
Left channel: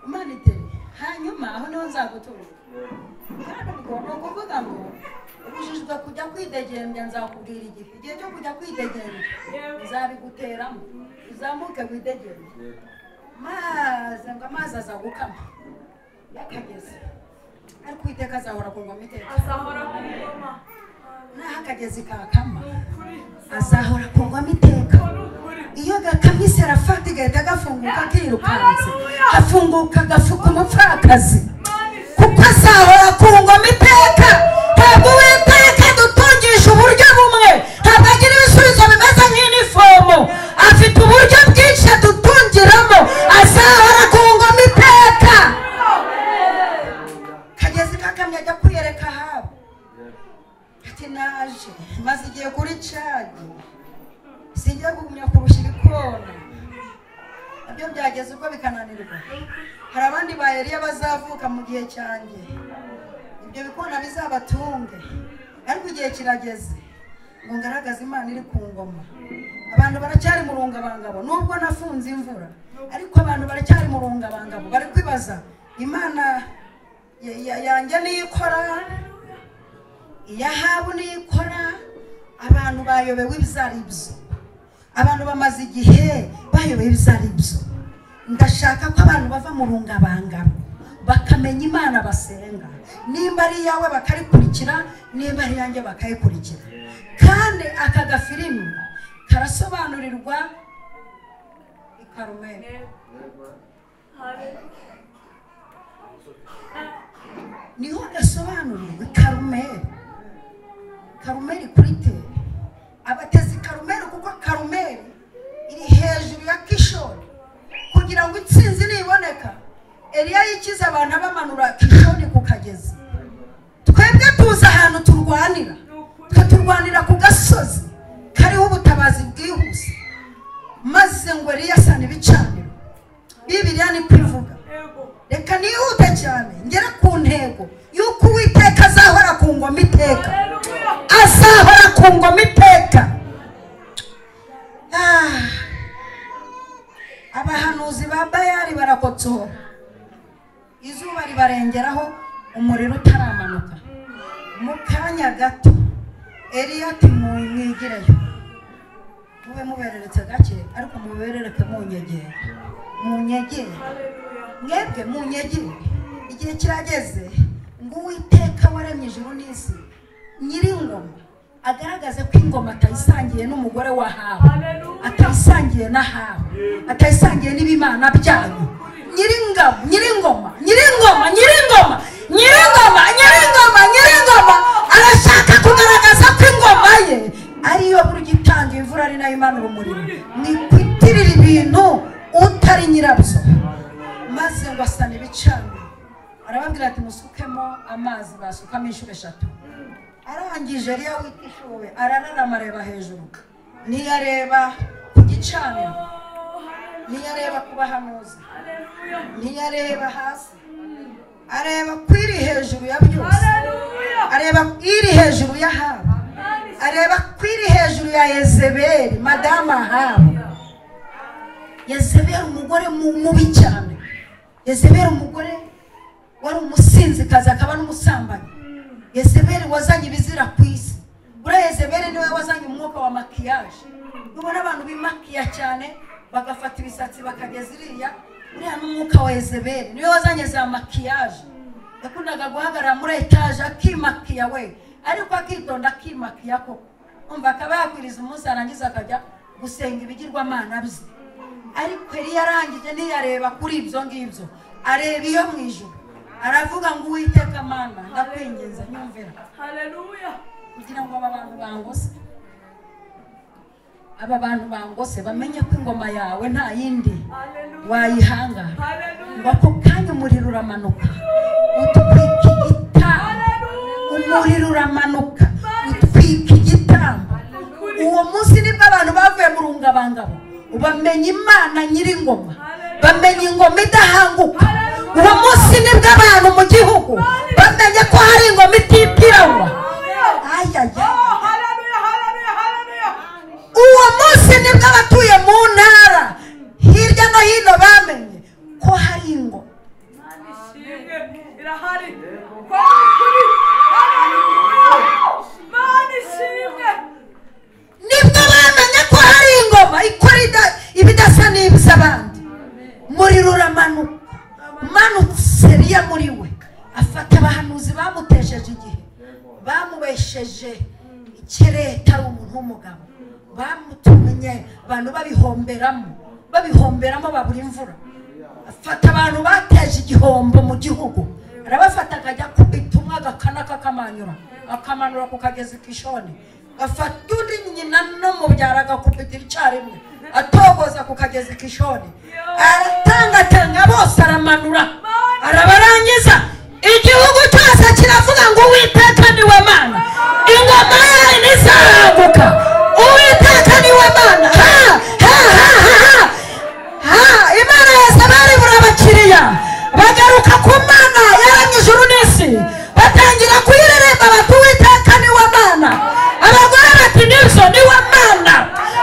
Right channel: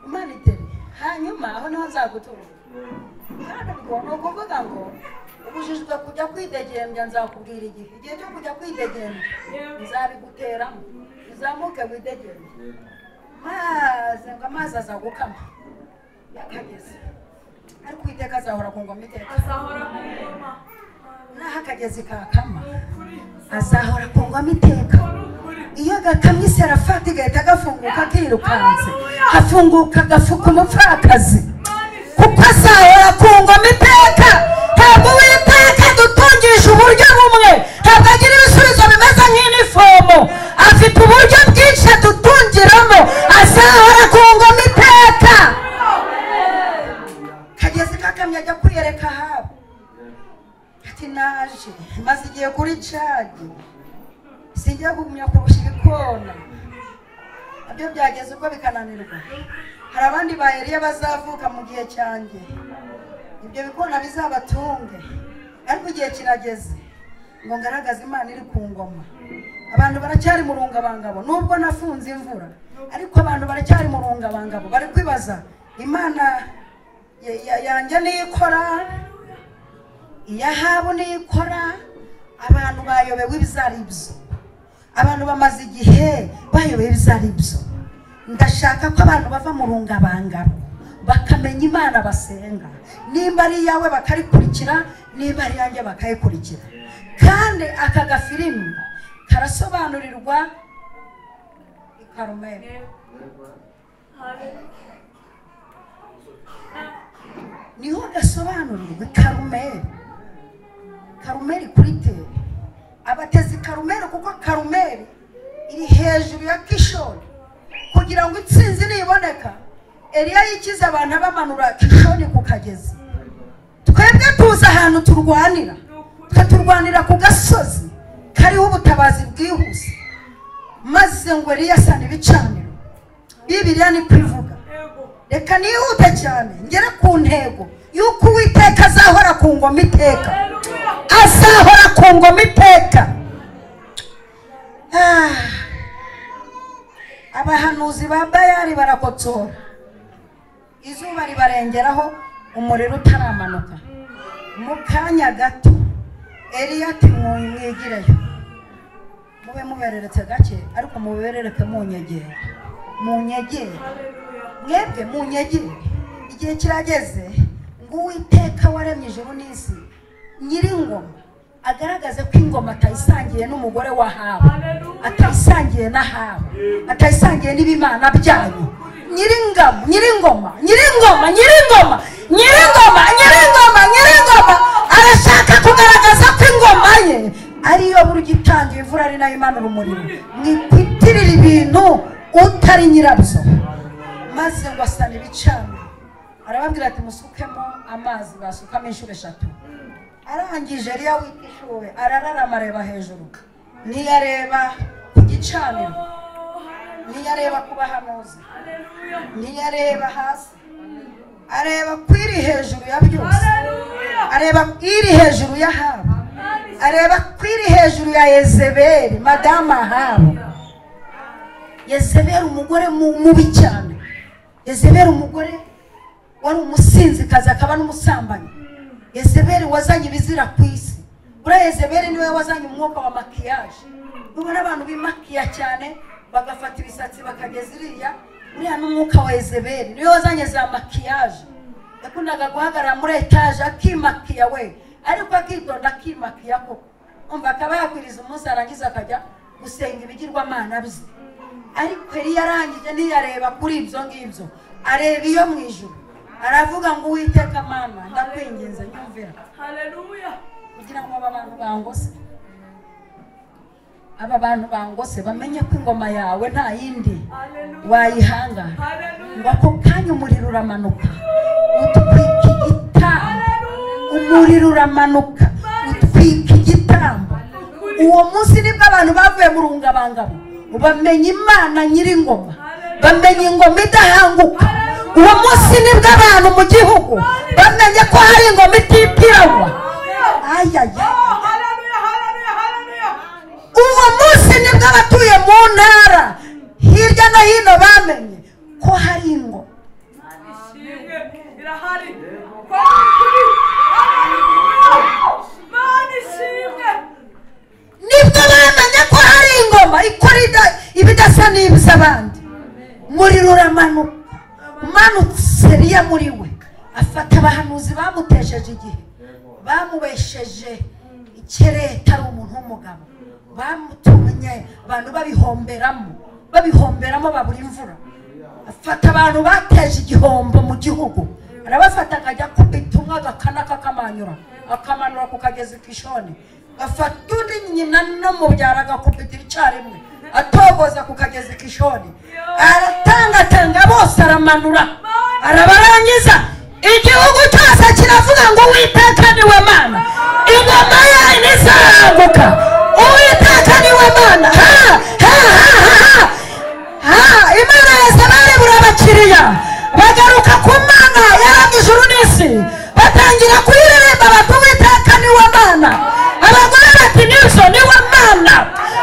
Imana itere, hanyuma aho niho nzagutura. Ni ukuvuga ngo ubujijwe kujya kwidegembya, nzakubwira igihe cyo kujya kwidegembya nzabiguteramo, uzamuke widegembye, maze ngo amazi aza gukama yakageze, ariko Uwiteka azahora ku ngoma iteka, naho akagezi kakama azahora ku ngoma iteka. Iyo gakamye Serafati gahita gafunguka kirukanze, hafunguka gafuka umupfakazi, kuko azahora ku ngoma iteka. Ntabwo Uwiteka dutungisha uburyo bumwe, ntabwo agira ibisubizo bimeze nk'inifomo, afite uburyo bwinshi adutungiramo, azahora ku ngoma iteka. Kagezi kakamye ajya kwiyereka Ahabu ati naje maze igiye kuri cadi, sinjya kugumya kurusha ibikona. Ibyo byageze ubwo bikananirwa. Hari abandi ba Eliya bazavuka mu gihe cyanjye, ibyo bikona bizabatunge, ariko igihe kirageze ngo ngaragaze Imana iri ku ngoma. Abantu baracyari mu rungabangabo, nubwo nafunze imvura, ariko abantu baracyari mu rungabangabo, bari kwibaza Imana yanjye niyikora, iya Ahabu niyikora. Abantu bayobewe ibizaribyo, abantu bamaze igihe bayobewe ibizaribyo. Ndashaka ko abantu bava mu rungabangabo bakamenya Imana basenga, nimba ari iyawe bakarikurikira, nimba ari yanjye bakayikurikira. Kandi aka gafilimi karasobanurirwa i Karumeli. Niho gasobanurirwa Karumeli. Karumeli kuri tele, abatezi Karumeli, kuko Karumeli iri hejuru ya Kishoni. Kugira ngo intsinzi niboneka, Eliya yikiza abantu bamanura Kishoni ku kagezi. Twebwe tuza ahantu turwanira, turwanira ku gasozi kariho ubutabazi bwihuse, maze ngo Eliya asana ibicaniro. Bibiliya ni kuvuga, reka nihute cyane ngere ku ntego yuko Uwiteka azahora ku ngoma iteka, azahora ku ngoma iteka. Abahanuzi ba Bayali barakotsora, izuba ribarengeraho, umuriro utaramanuka. Mu kanya gato Eliya ati mwigireyo, mube mubereretse gake, ariko muberereke munyegere, mwebwe munyegere. Igihe kirageze ngo Uwiteka waremye ijuru n'isi, Nyiringoma agaragaze ko ingoma atayisangiye n'umugore wa Ahabu, atayisangiye na Ahabu, atayisangiye n'ibimana byanyu. Nyiringoma arashaka kugaragaza ko ingoma ye ariyo buri gitanga imvura ari nayo imanura umuriro. Mwikwitirira ibintu utari nyirabyo. Maze ngo asane ibicanwa, arababwira ati musukemo amazi, basukamo inshuro 3. Arangije Eliya witishuwe arararama areba hejuru, niyareba ku gicaniro, niyareba ku bahanuzi, niyareba hasi, areba kwiri hejuru ya byose, areba kwiri hejuru ya Ahabu, areba kwiri hejuru ya Yezebeli, Madama Ahabu. Yezebeli umugore mubi cyane, Yezebeli umugore wari umusinzikazi akaba n'umusambanyi. Yezebeli wazanye ibizira ku isi. Buriya Yezebeli niwe wazanye umwuka wa makiyaje. Ubona abantu bimakiya cyane bagafata ibisatsi bakageza iriya, buriya n'umwuka wa Yezebeli niwe wazanye za makiyaje. Yakundaga guhagarara muri etaje akimakiya we, ariko akitonda akimakiya koko. Umva akaba yakwiriza umunsi arangiza akajya gusenga ibigirwamana bye. Ariko Eliya yarangije niyareba kuri ibyo ngibyo, areba iyo mu ijuru, aravuga ngo Uwiteka Mana ndakwinginze nyumvira. Haleluya. Kugira ngo aba bantu bangose bamenye ko ingoma yawe nta yindi wayihanga. Bako kanya umuriro uramanuka utwika igitambo, umuriro uramanuka utwika igitambo. Uwo munsi nibwo abantu bavuye mu rungabangabo bamenye Imana nyiringoma, bamenye ingoma idahanguka. Uwo munsi nibwo abantu mu gihugu bamenye ko hari ingoma ititiranwa. Uwo munsi nibwo abatuye mu ntara hirya no hino bamenye ko hari ingoma. Nibwo bamenye ko hari ingoma ikora ibidasa n'ibiz'abandi. Umuriro uramanuka, umanutse Eliya muri we afata abahanuzi bamutesheje igihe, bamubesheje ikireta ari umuntu w'umugabo, bamutumye abantu babihomberamo babura imvura. Afata abantu bateje igihombo mu gihugu, arabafata akajya kubita umwe agakana kakamanyura, akamanura ku kagezi Kishoni. Afata undi nyina n'umubyara agakubita icyarimwe, atogoza ku kagezi Kishoni, aratangatanga bose aramanura, arabarangiza. Igihugu cyose kiravuga ngo Uwiteka ni we Mana, ingoma yawe ntizahanguka. Uwiteka ni we Mana. Imana Yezebeli burabakiriya bagaruka ku Mana yaremye ijuru n'isi, batangira kuyiririmba bati Uwiteka ni we Mana. Abagore bati nibyo ni we Mana,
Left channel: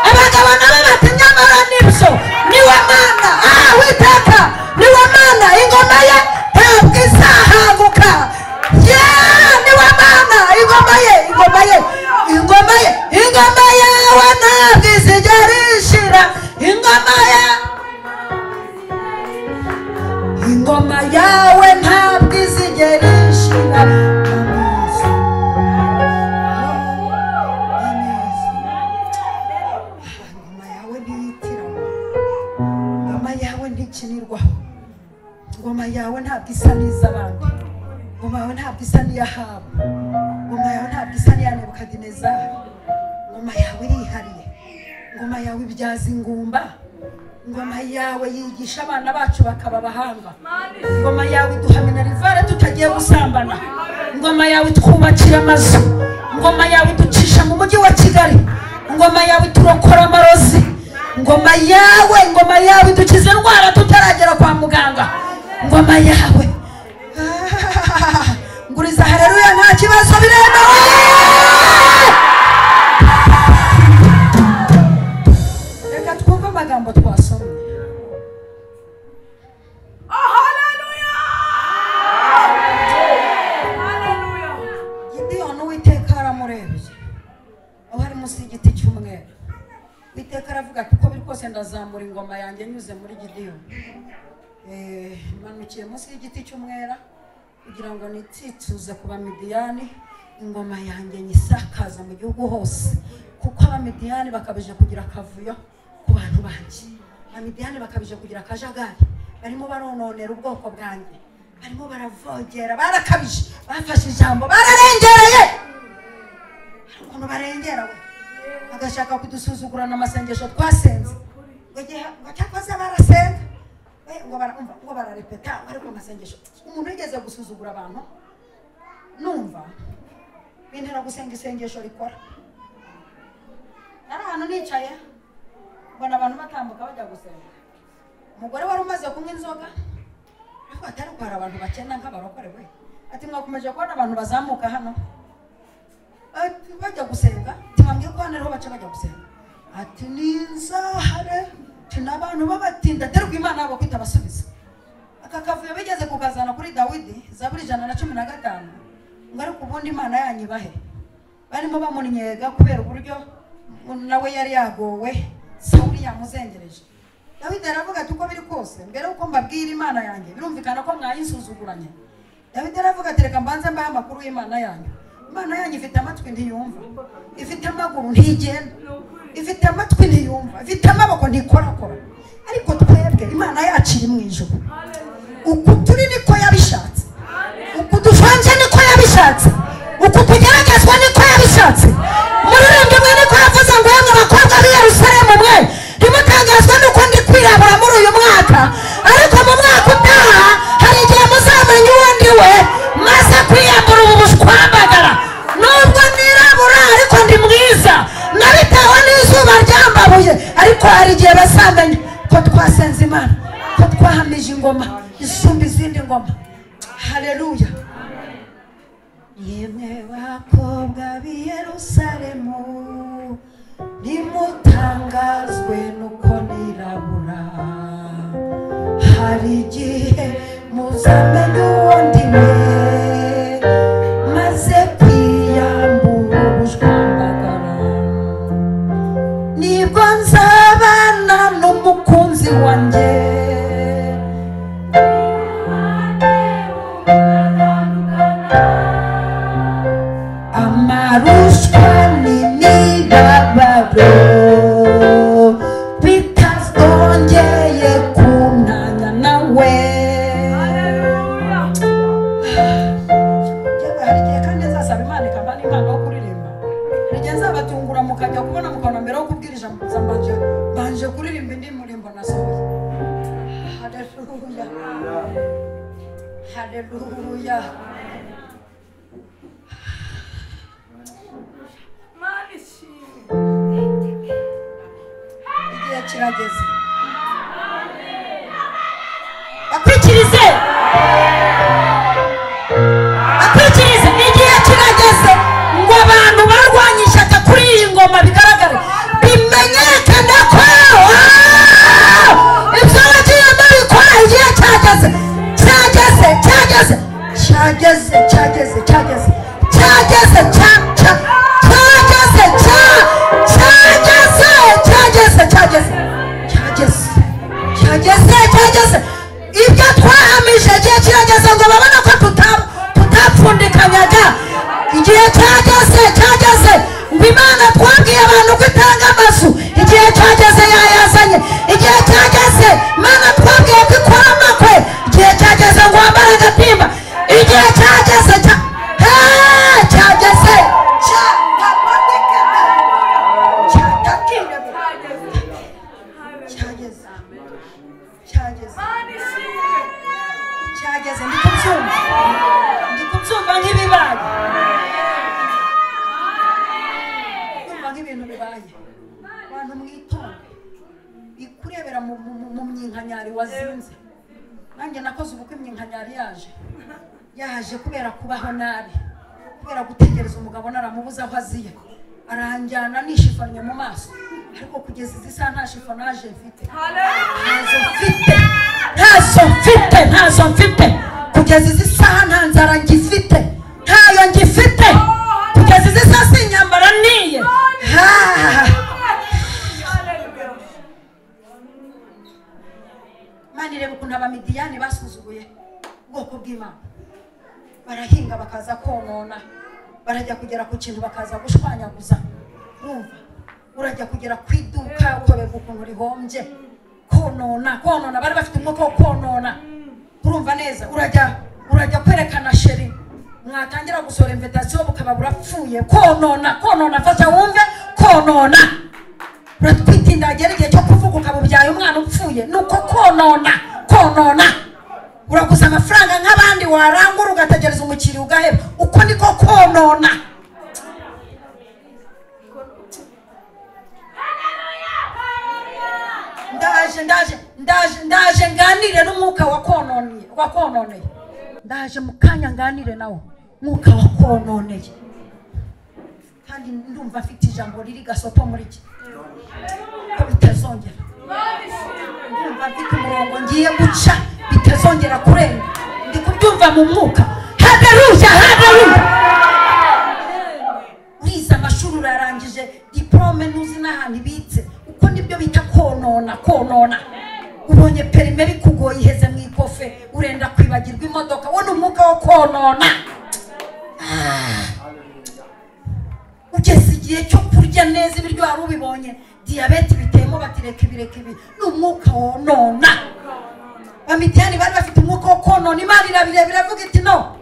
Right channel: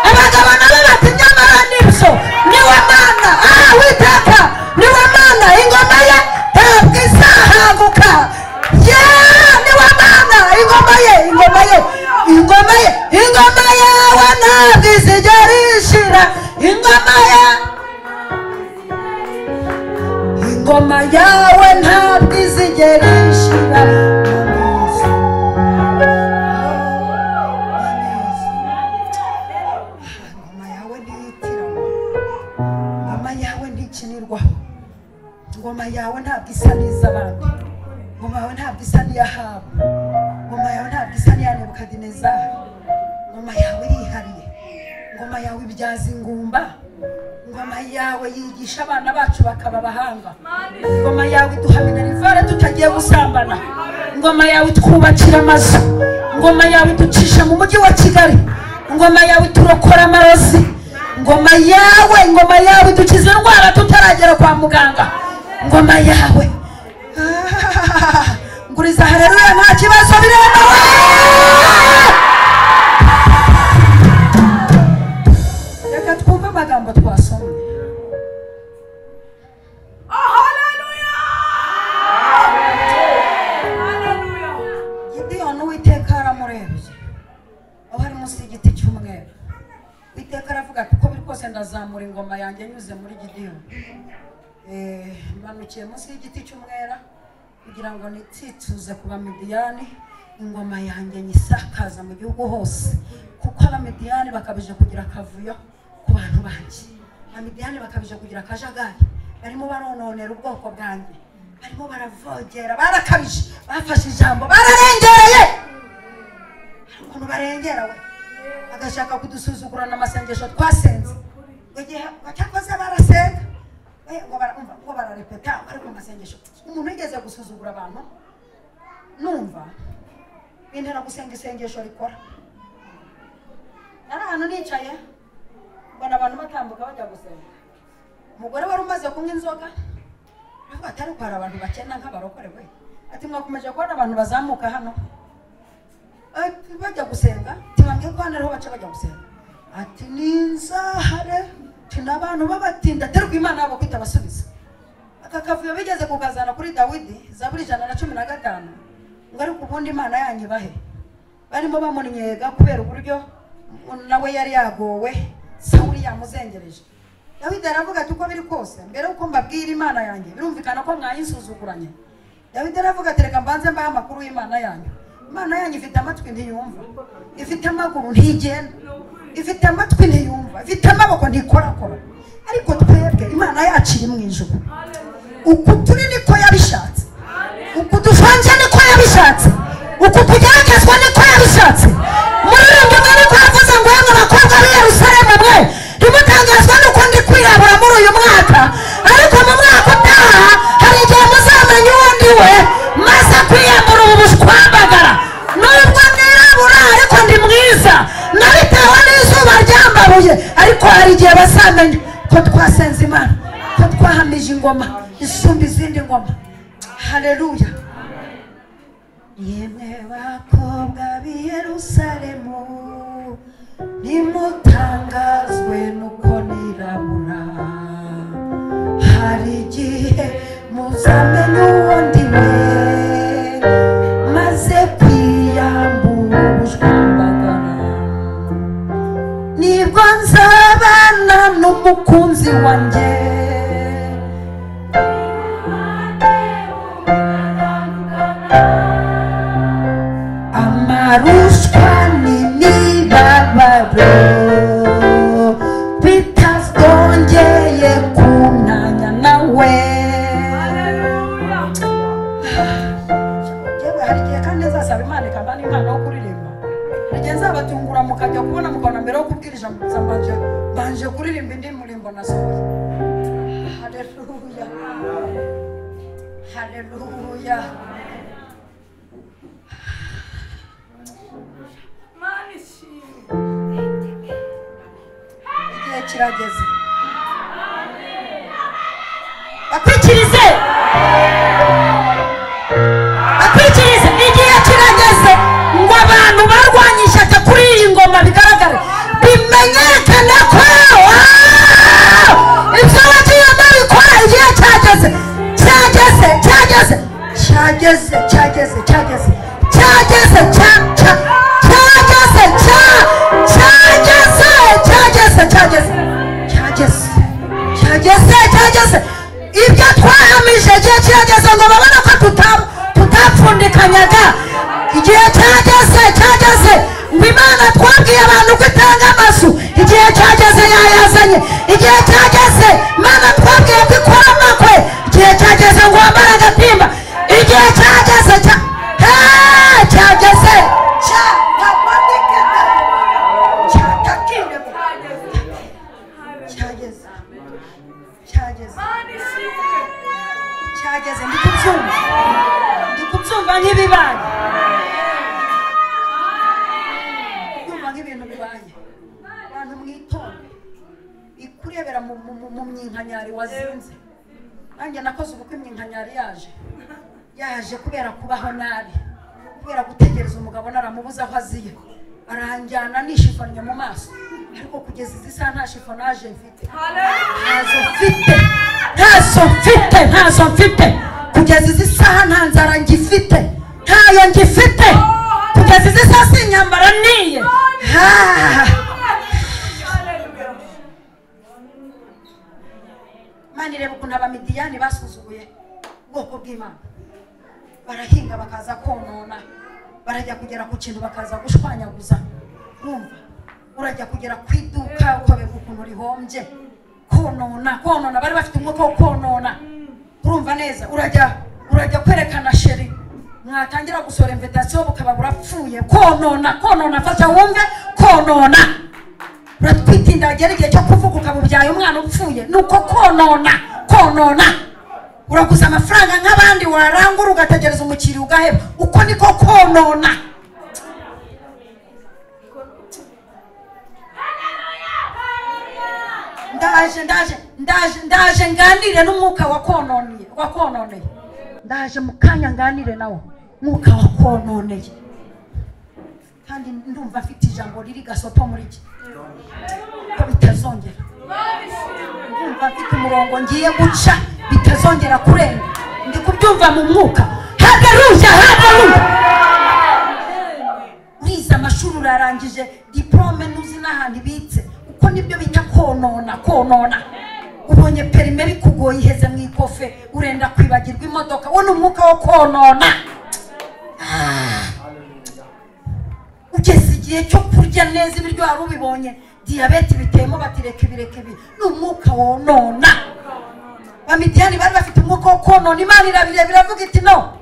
abagabo nabo bati nyamara nibyo ni we Mana. Uwiteka ni we Mana, ingoma ye ntabwo izahanguka. Ni we Mana, ingoma ye ingoma yawe ntabwo izigera ishira. Ingoma yawe ntabwo izigera ishira. Ingoma yawe ntikinirwaho. Ingoma yawe ntabwo isa n'iz'abandi. Ingoma yawe ntabwo isa n'iya Ahabu. Ingoma yawe ntabwo isa n'iya Nebukadinezari. Ingoma yawe irihariye. Ingoma yawe ibyaza ingumba. Ingoma yawe yigisha abana bacu bakaba abahanga. Ingoma yawe iduha minerivare tutagiye gusambana. Ingoma yawe twubakira amazu. Ingoma yawe iducisha mu mujyi wa Kigali. Ingoma yawe turokora amarozi. Ingoma yawe idukiza indwara tutaragera kwa muganga. Ingoma yawe nguriza haleluya nta kibazo biremewe. Reka twumve amagambo twasomye. Haleluya. Gideyoni Uwiteka aramurebye aho ari munsi y'igiti cy'umweru. Uwiteka aravuga ati uko biri kose ndazamura ingoma yanjye nyuze muri Gideyoni. Manukiye munsi y'igiti cy'umwera kugira ngo nitsitsuze ku Bamidiyani, ingoma yanjye nyisakaza mu gihugu hose, kuko abamidiyani bakabije kugira akavuyo ku bantu banjye. Abamidiyani bakabije kugira akajagari, barimo barononera ubwoko bwanjye, barimo baravogera, barakabije, bafashe ijambo, bararengereye. Ukuntu barengera bagashaka kudusuzugurana amasengesho twasenze, cyakoze barasenga ngo bararepeta, ariko amasengesho umuntu yigeze gusuzugura abantu numva bintera gusenga isengesho rikora. Nari ahantu nicaye mbona abantu batambuka bajya gusenga, umugore wari umaze kunywa inzoga avuga ati ariko hari abantu bakena nk'abarokore we, ati mwakomeje kubona abantu bazamuka hano bajya gusenga, tibambye ko hano ariho baca bajya gusenga, ati ninzahare n'abantu babatinda terwa Imana yabo kwita basubiza. Aka kavuyo bigeze kukazana kuri Dawidi, Zaburi 115, ngo ariko ubundi Imana yanyu bahe, barimo bamuninyega kubera uburyo nawe yari yagowe, Sawuli yamuzengereje. Dawidi aravuga ati uko biri kose mbere uko mbabwira Imana yanjye birumvikana ko mwayisuzuguranye. Dawidi aravuga ati reka mbanze mbahe amakuru y'Imana yanyu. Imana yanyu ifite amatwi ntiyumva, ifite amaguru ntigenda, ifite amatwi ntiyumva, ifite amaboko ntikorakora, ariko twebwe Imana yaciye mu ijuru. Uku turi niko yabishatse, uku dufanze niko yabishatse, uku tugeragezwa niko yabishatse. Muririmbi mwe niko yavuze ngo yemwe bakobwa b'i Yerusalemu mwe ntimutangazwa nuko ndi kwirabura muri uyu mwaka, ariko mu mwaka utaha hari igihe muzamenya uwo ndi we, maze kwiyambura ubushwambagara. Nubwo nirabura ariko ndi mwiza, nabitewe n'izuba ryambabuye, ariko hari igihe bazamenya ko twasenze Imana, ko twahamije ingoma isumba izindi ngoma. Haleluya. Yemwe bakobwa b'i Yerusalemu nimutangazwe nuko nirabura, hari igihe muzamenya uwo ndi we, maze kwiyambura ubushwambagara. Nibwo nzabana n'umukunzi wanjye, amarushwa n'imibabaro bitazongeye kuntanya nawe. Hari igihe kandi nzasaba Imana ikabana impano yo kuririmba, hari igihe nzabatungura mukajya kubona mukabona mbere yo kubwira ijambo mbanje kuririmba indi murimbo nasohoye. Haleluya, haleluya. Igihe kirageze akwikirize, akwikirize. Igihe kirageze ngo abantu barwanya ishyaka kuri iyi ngoma bigaragara, bimenyekane ko ibyo wagiyemo bikora. Igihe cyageze, cyageze, cyageze, cyageze, cyageze, cyageze, cyageze, cyageze. Ibyo twahamije igihe kirageze ngo babone ko tutapfundikanyaga. Igihe cyageze, cyageze ngo Imana twabwiye abantu ko itanga amazu, igihe cyageze yayazanye. Igihe cyageze Imana twabwiye ko ikora amakwe, igihe cyageze ngo wambare agatimba. Igihe cyageze, cyageze, ndikubyumva nk'ibibara. Kumva nk'ibintu bibaye, abantu mwitonde, bikurebera mu myinkanyari wazinze. Nanjye nakoze ubukwe imyinkanyari yaje kubera kubaho nabi, kubera gutegereza umugabo naramubuza aho aziye, aranjyana nishifanye mu maso, ariko kugeza izi saha nta shifonaje mfite, ntazo mfite kugeza izi saha, nta nzara ngifite, ntayo ngifite kugeza izi saha, sinyambara niye. Mani reba ukuntu abamidiyani basuzuguye ubwoko bw'Imana, barahinga bakaza konona, barajya kugera ku kintu bakaza gushwanyaguza. Urumva urajya kugera ku iduka ukobeka ukuntu rihombye, konona bari bafite umwuka wo konona. Urumva neza, urajya kwerekana sheri, mwatangira gusora invitation bukaba burapfuye. Konona fasha wumve, konona uratwitinda agera igihe cyo kuvuga ukabubyaye umwana upfuye. Nuko konona uraguza amafaranga nk'abandi warangura ugategereza umukiriya ugaheba. Uko niko konona. Ndaje nganire n'umwuka wa kononeye. Ndaje mukanya nganire nawo mwuka wa kononeye. Kandi ndumva afite ijambo riri gasopo muri iki. Bitazongera. Ndumva afite umurongo ngiye guca bitazongera kureba. Ndi kubyumva mu mwuka. Haleluya. Uriza amashuri urarangije diplome nuzi n'ahantu ibitse. Uko nibyo bita konona. Ubonye perime bikugoye iheze mu ikofe urenda kwibagirwa imodoka. Wone umwuka wo konona. Ugeze igihe cyo kurya neza ibiryo wari ubibonye diabete bitemo batireka ibireke ibi. N'umwuka wonona. Bamidiyani bari bafite umwuka wo konona. Imana irabirebera avuga iti no,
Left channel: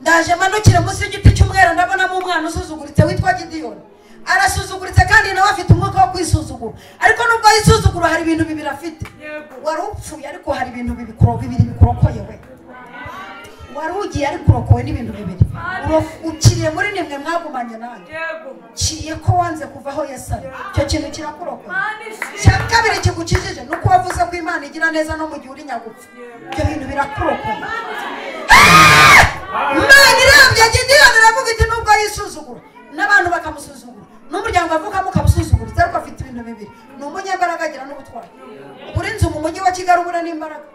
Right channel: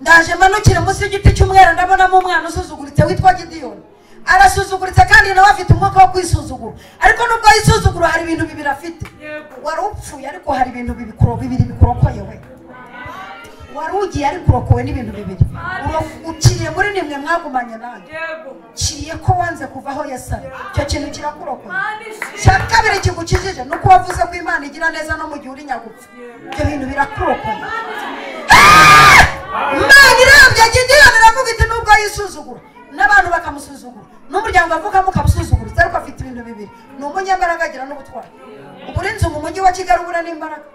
ndaje manukire munsi y'igiti cy'umwera ndabonamo umwana usuzuguritse witwa Gideyoni. Arasuzuguritse kandi nawe afite umwuka wo kwisuzugura. Ariko nubwo yisuzugura hari ibintu bibiri afite. Wari upfuye ariko hari ibintu bibiri bikurokoye we. Wari ugiye ari kurokowe n'ibintu bibiri. Ukiriye muri nimwe mwagumanye nanjye. Ciye ko wanze kuvaho Yesu. Icyo kintu kirakurokoye. Cyakabere kigukijije nuko wavuze ko Imana igira neza no mu gihe uri nyagupfu. Ibyo bintu birakurokoye. Imana iramye Gideyoni aravuga iti nubwo yisuzugura n'abantu bakamusuzugura n'umuryango avukamo ukamusuzugura ariko afite ibintu bibiri. Ni umunyambaraga agira n'ubutwari. Uburinzi mu mujyi wa Kigali ubura n'imbaraga.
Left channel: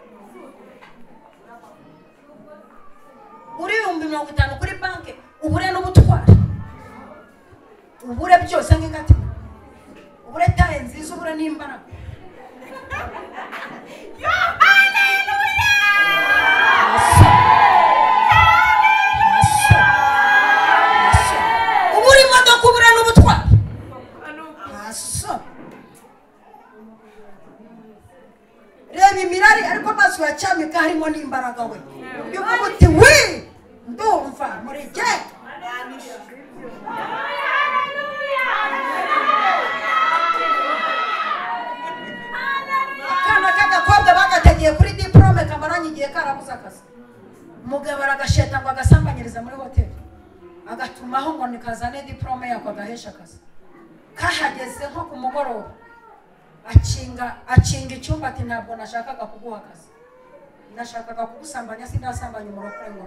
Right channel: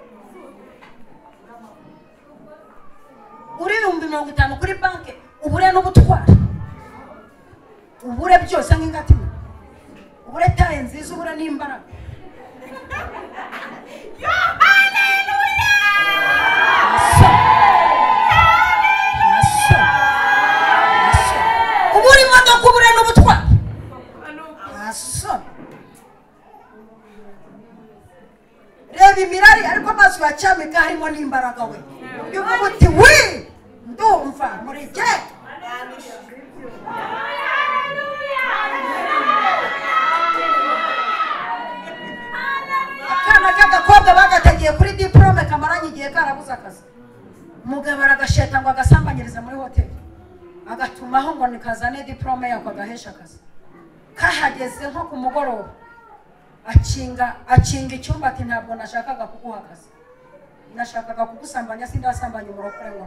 Uri 50 kuri banke ubure n'ubutwari. Ubure byose nk'ingati. Ubure taye nziza ubure n'imbaraga. Yo haleluya. Ubure imodoka ubure n'ubutwari. Reba imirari ariko amaso yacamika harimo n'imbaraga we. Yubuti we ndumva muri je. Akana kode bagategeye kuri diplome kamaranye igihe karabuza akazi. Umugabo aragasheta ngo agasambanyiriza muri hoteli. Agatumaho ngo nikazane diplome yako gahesha akazi. Kahageze nko ku mugoroba. Akinga icyumba ati ntabwo nashakaga kuguha akazi. Nashakaga kugusambanya sindasambanya umurokore ngo.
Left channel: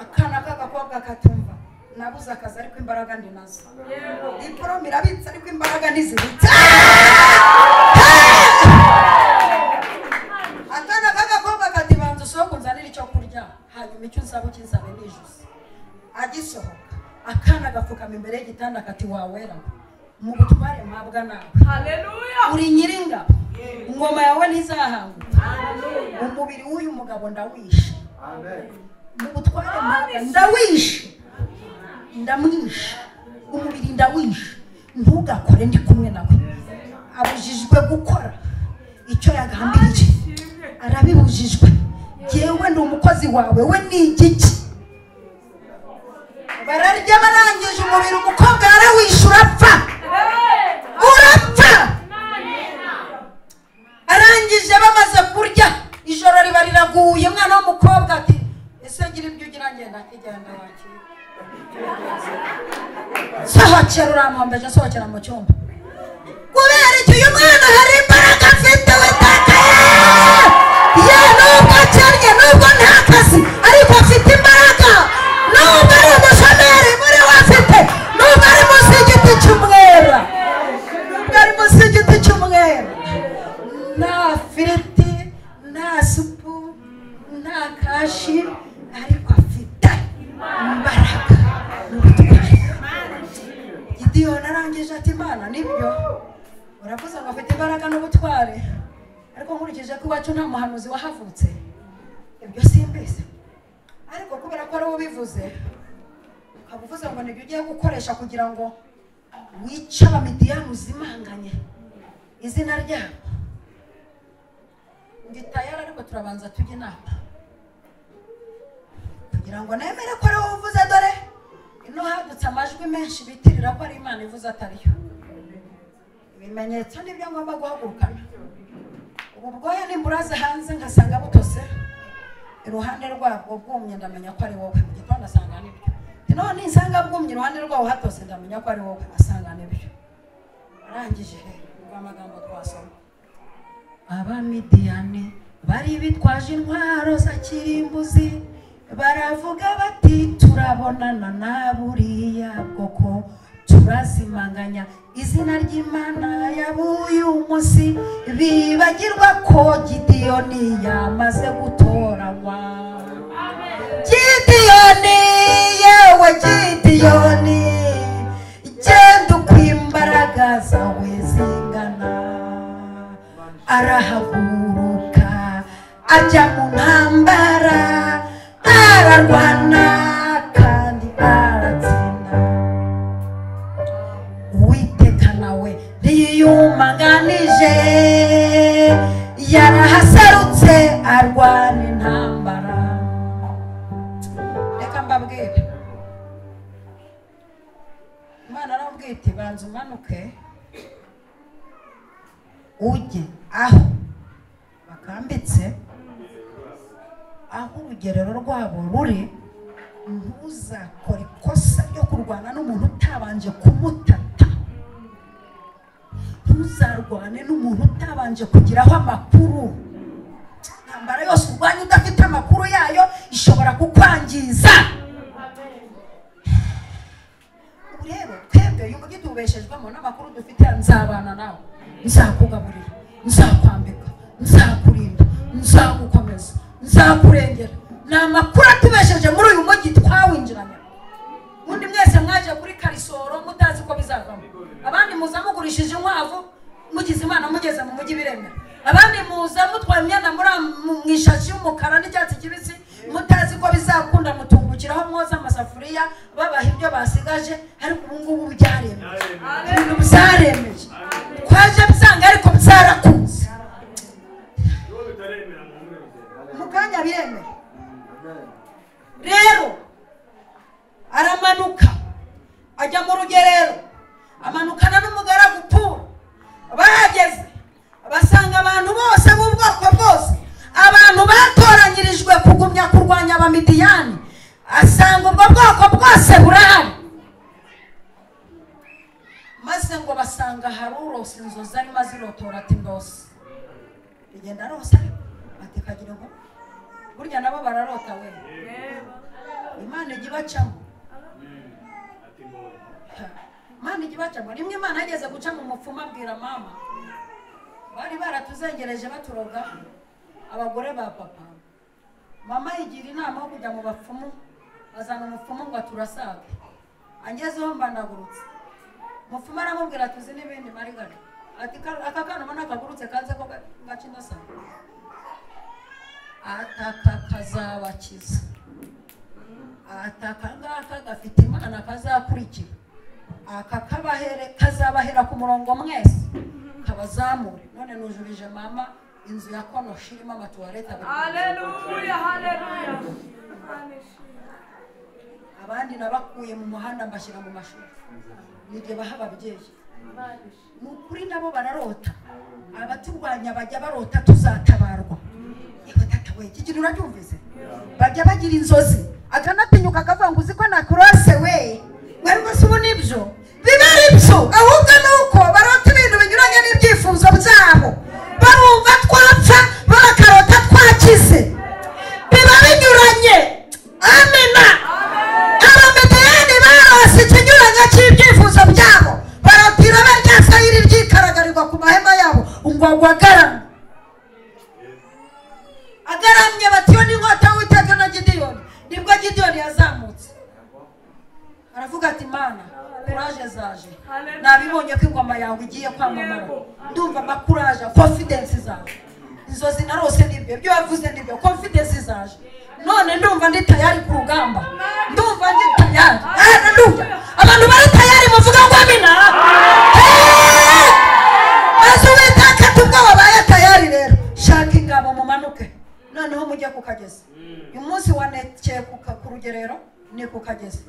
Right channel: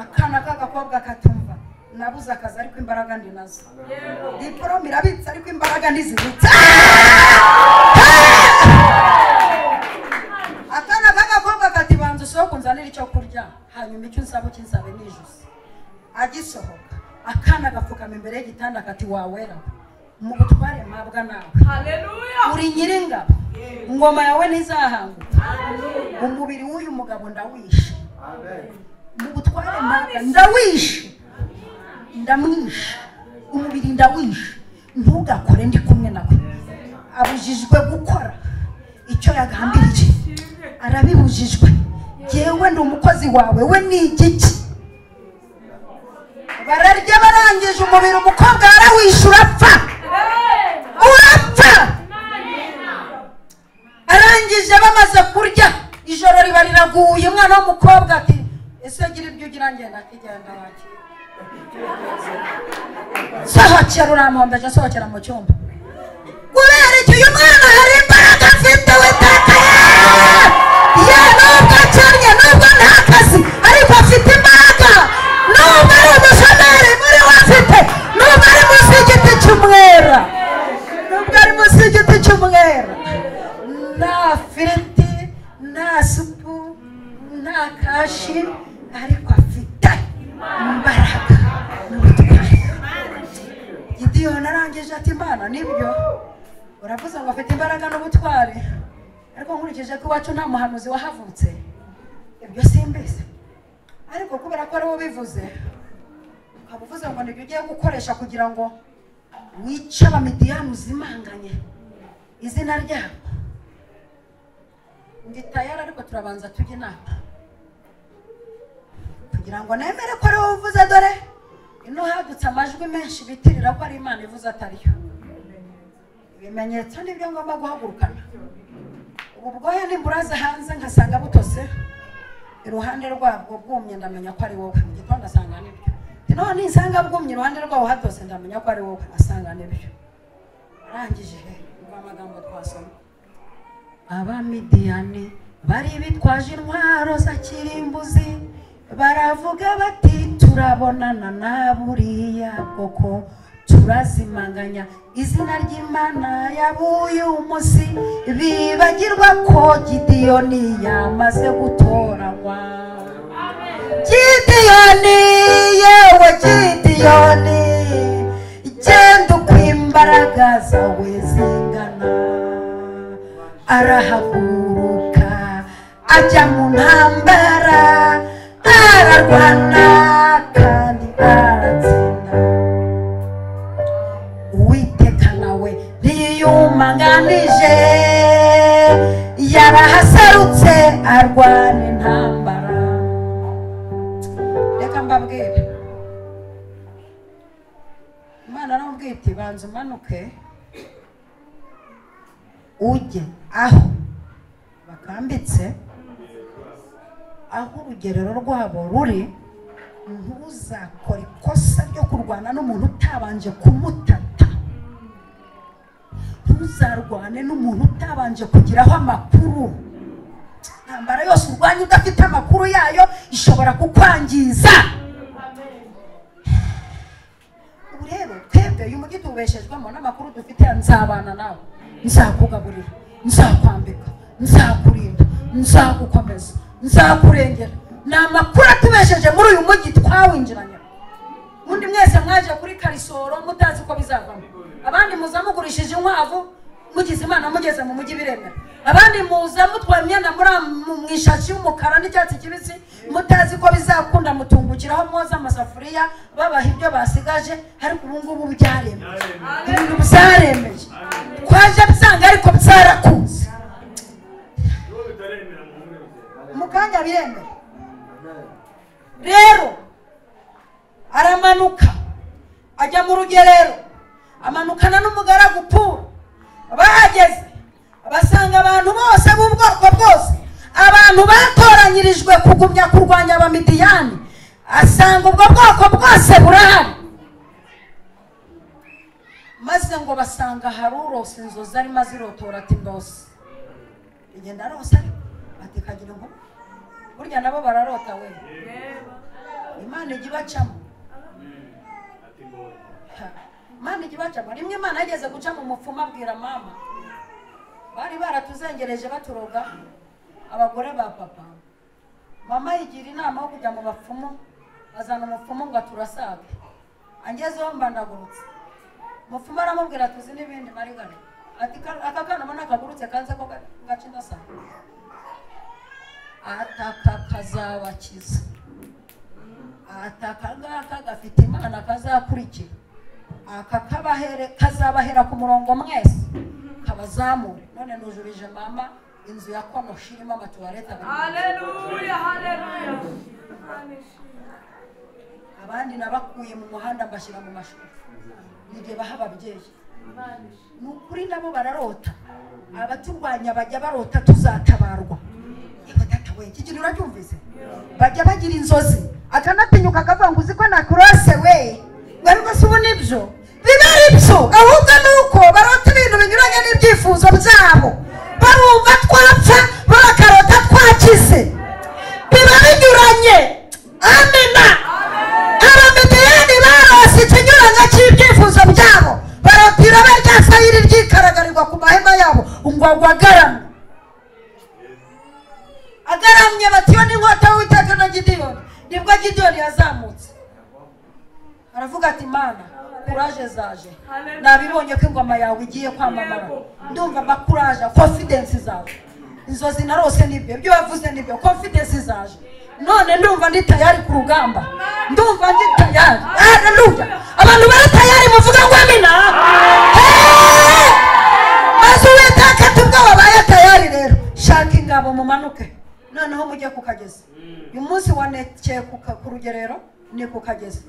Akana k'agakobwa katumva nabuze akazi ariko imbaraga ndi nazo. Diplome irabitse ariko imbaraga ntizibitse. Akana k'agakobwa kati banza usohoka unzanira icyo kurya hanyuma icyo nsaba ukinsabe nijuse. Agisohoka akana gapfukama imbere y'igitanda kati wawera mu gutware mabwa nawe. Haleluya. Uri nyiringa. Ngoma yawe ntizahanga. Haleluya. Umubiri w'uyu mugabo ndawishe. Amen. Mu gutware mabwa ndawishe. Ndamwishe. Umubiri ndawishe. Ntugakore ndi kumwe nawe. Abujijwe gukora icyo yagambiriye. Arabibujijwe. Yewe ni umukozi wawe we ni igiki. Bararya barangije umubiri umukobwa arawishura apfa. Urapfa. Arangije bamaze kurya ijoro riba riraguye umwana w'umukobwa ati ese gira ibyo ugira ngenda kijyana waki. Sohokera uramombeje sohokera mu cyumba. Kubera icyo uyu mwana hari imbaraga afite witaka. Nubwo cyarye nubwo nta kazi ariko afite imbaraga. Nubwo ari umushomeri muri wafite. Nubwo ari munsi y'igiti cy'umwera. Nubwo ari munsi y'igiti cy'umwera. Nta firiti, nta supu, nta kashi ariko afite imbaraga. Gideyoni arangije ati Imana nibyo uravuze ngo afite imbaraga n'ubutware ariko nkurikije ko iwacu nta muhanuzi wahavutse ibyo simbizi ariko kubera ko ari wo bivuze ukavuze ngo nibyo ugiye gukoresha kugira ngo wice Abamidiyani uzimanganye izina ryabo. Ndi tayari ariko turabanza tujye inama kugira ngo nemere ko ari wowe uvuze. Dore ino hadutse amajwi menshi bitirira ko ari Imana ivuze atariyo. Ibimenyetso nibyo ngomba guhagurukana. Ubwoya nimburaza hanze ngasanga butose iruhande rwabwo bwumye, ndamenya ko ari wowe. Igitondo asanga nibyo. None nisanga bwumye iruhande rwawo hatose, ndamenya ko ari wowe. Asanga nibyo. Arangije ubwo amagambo twasoma. Abamidiyani bari bitwaje intwaro za kirimbuzi, baravuga bati turabonana na buriya bwoko, turazimanganya izina ry'Imana yabuye umunsi, bibagirwa ko Gideyoni yamaze gutoranywa. Gideyoni, yewe Gideyoni, genda uko imbaraga zawe zingana. Arahaguruka ajya mu ntambara, ararwana kandi aratsinda. Uwiteka nawe ntiyiyumanganije, yarahasarutse arwana intambara. Reka mbabwire, Imana aramubwira iti banza umanuke ujye aho bakambitse, aho urugerero rwabo ruri. Ntuzakora ikosa ryo kurwana n'umuntu utabanje kumutata. Ntuzarwane n'umuntu utabanje kugiraho amakuru. Intambara yose urwanya udafite amakuru yayo ishobora kukwangiza. Rero twebwe uyu mujyi tubeshejwemo n'amakuru dufite. Nzabana nawe, nzakugaburira, nzakwambika, nzakurinda, nzagukomeza, nzakurengera. Ni amakuru atubesheje muri uyu mujyi twawinjiranye. Undi mwese mwaje kuri Karisoro mutazi ko bizavamo. Abandi muza mugurishije inkwavu mugize Imana mugeze mu mujyi biremera. Abandi muza mutwaye imyenda muri mwishashi y'umukara n'icyatsi kibisi mutazi ko bizakunda, mutumbukiraho mwoza amasafuriya babaha ibyo basigaje. Ariko ubu ngubu byaremeye, ibintu byaremeje. Twaje bisanga ariko byarakunze mu kanya biremeye. Rero aramanuka ajya mu rugerero, amanukana n'umugaragu Pura. Bahageze basanga abantu bose mu bwoko bwose, abantu batoranyirijwe kugumya kurwanya Abamidiyani. Asanga ubwo bwoko bwose burahari. Maze ngo basanga hari urose inzozi arimo azirotora ati ndose. Igenda rose ati kagira ngo burya nabo bararota we. Imana ijya ibacamo. Imana ijya ibacamo. Rimwe Imana yageze guca mu mupfumu abwira mama, bari baratuzengereje baturoga abagore ba papa. Mama yigira inama yo kujya mu bapfumu, azana umupfumu ngo turasaga. Angezeho mbanagurutse. Umupfumu aramubwira tuzi n'ibindi marigana. Ati aka kana mbona kagurutse kanze ko gaca inasa. Ataka kazabakiza. Ataka ngaka gafite Imana kazakurikira. Aka kazabahera ku murongo mwese kabazamure. None nujubije mama inzu ya Konoshi irimo amatuwarete. Haleluya, haleluya. Abandi nabakuye mu muhanda mbashyira mu mashuri. Nige baha ababyeyi. Nukuri nabo bararota. Abaturwanya bajya barota tuzatabarwa. Batatawe iki kintu uracyumvise? Bajya bagira inzozi. Akanatinyuka akavuga ngo uziko nakurase we. Wewe subu nibyo. Bibari byo. Ahubwo nuko barota ibintu binyuranye n'ibyifuzo byabo. Barumva twapfa bakarota twakize. Biba binyuranye. Amina. Abamidiyani barose ikinyuranye cy'ibyifuzo byabo. Barotira barya sayiri ry'ikaragarirwa ku mahema yabo. Ungwagwa agaramye. Agaramye batiyo n'inkota w'Uwiteka na Gideyoni. Nibwo Gideyoni yazamutse. Aravuga ati Mana, kuraje zaje. Nabibonye ko ingoma yawe igiye kwamamara. Ndumva makuraje, confidence zawe. Inzozi narose nibyo, ibyo wavuze nibyo, confidence zaje. none ndumva ndi tayari ku rugamba ndumva ndi tayari haleluya abantu bari tayari muvuga ngo amina azuwetaka tubwo babaye tayari rero shaka ingabo mumanuke noneho mujye kukageza uyu munsi wanekeye ku rugerero ni kukageza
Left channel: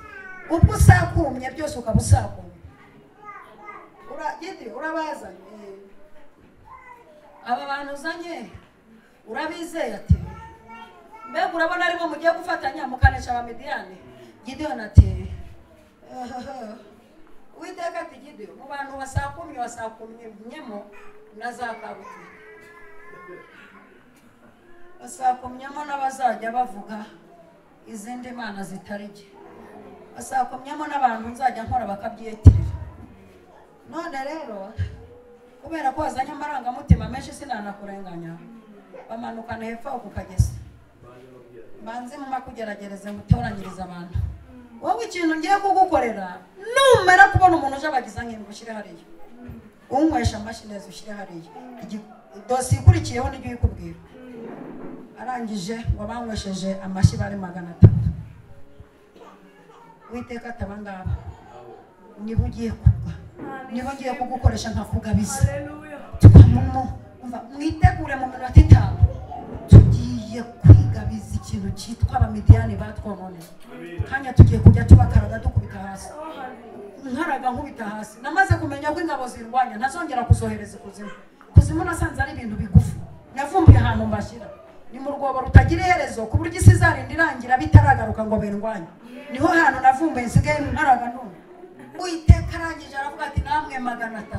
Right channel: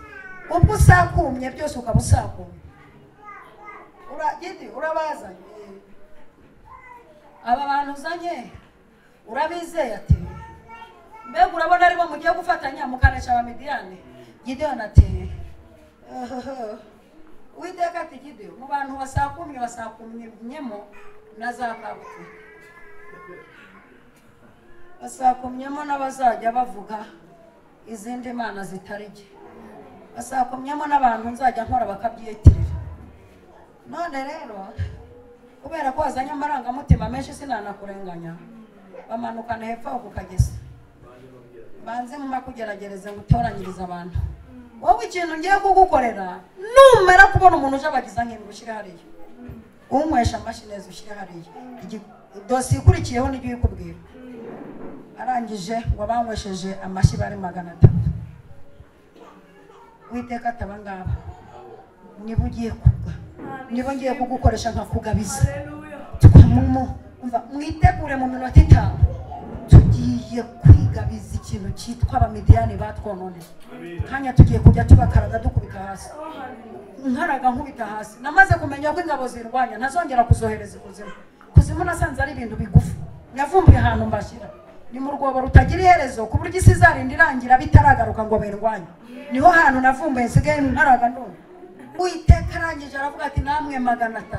ubwo usakumye byose ukaba usakumye urabaza aba bantu uzanye urabizeye ati mbega urabona aribo mugiye gufatanya mukanesha abamidiyani Gideon ati Uwiteka ati Gideon mu bantu basakumyemo nazakabuti basakumyemo n'abazajya bavuga izindi mana zitareke basakumyemo n'abantu nzajya nkora bakabyitirira none rero kubera ko wazanye amarangamutima menshi sinanakurenganya bamanukana hepfo ukageza banze mu makugeragereza gutoranyiriza abantu wowe ikintu ngiye kugukorera numara kubona umuntu uje abagiza nk'ibintu ushyire hariya unywesha amashinezi ushyire hariya dosi ikurikiyeho n'ibyo uyikubwira arangije wabanywesheje amashyi bari 300 Uwiteka ataba ngaba niba ugiye kuvuga niba ngiye kugukoresha nkakugabiza mwitegure mu minota 5 tugiye kwigabiza ikintu cyitwa abamidiyani batwonone kanya tugiye kujya tubakaraga dukubita hasi nkaraga nkubita hasi namaze kumenya ko ingabo zirwanya ntazongera kuzohereza kuzimu nasanze ari ibintu bigufi navumbuye ahantu mbashyira ni mu rwobo rutagira iherezo ku buryo isi izarinda irangira bitaragaruka ngo birwanye niho hantu navumbuye nsigaye nkaraga none Uwiteka arangije aravuga ati namwe 300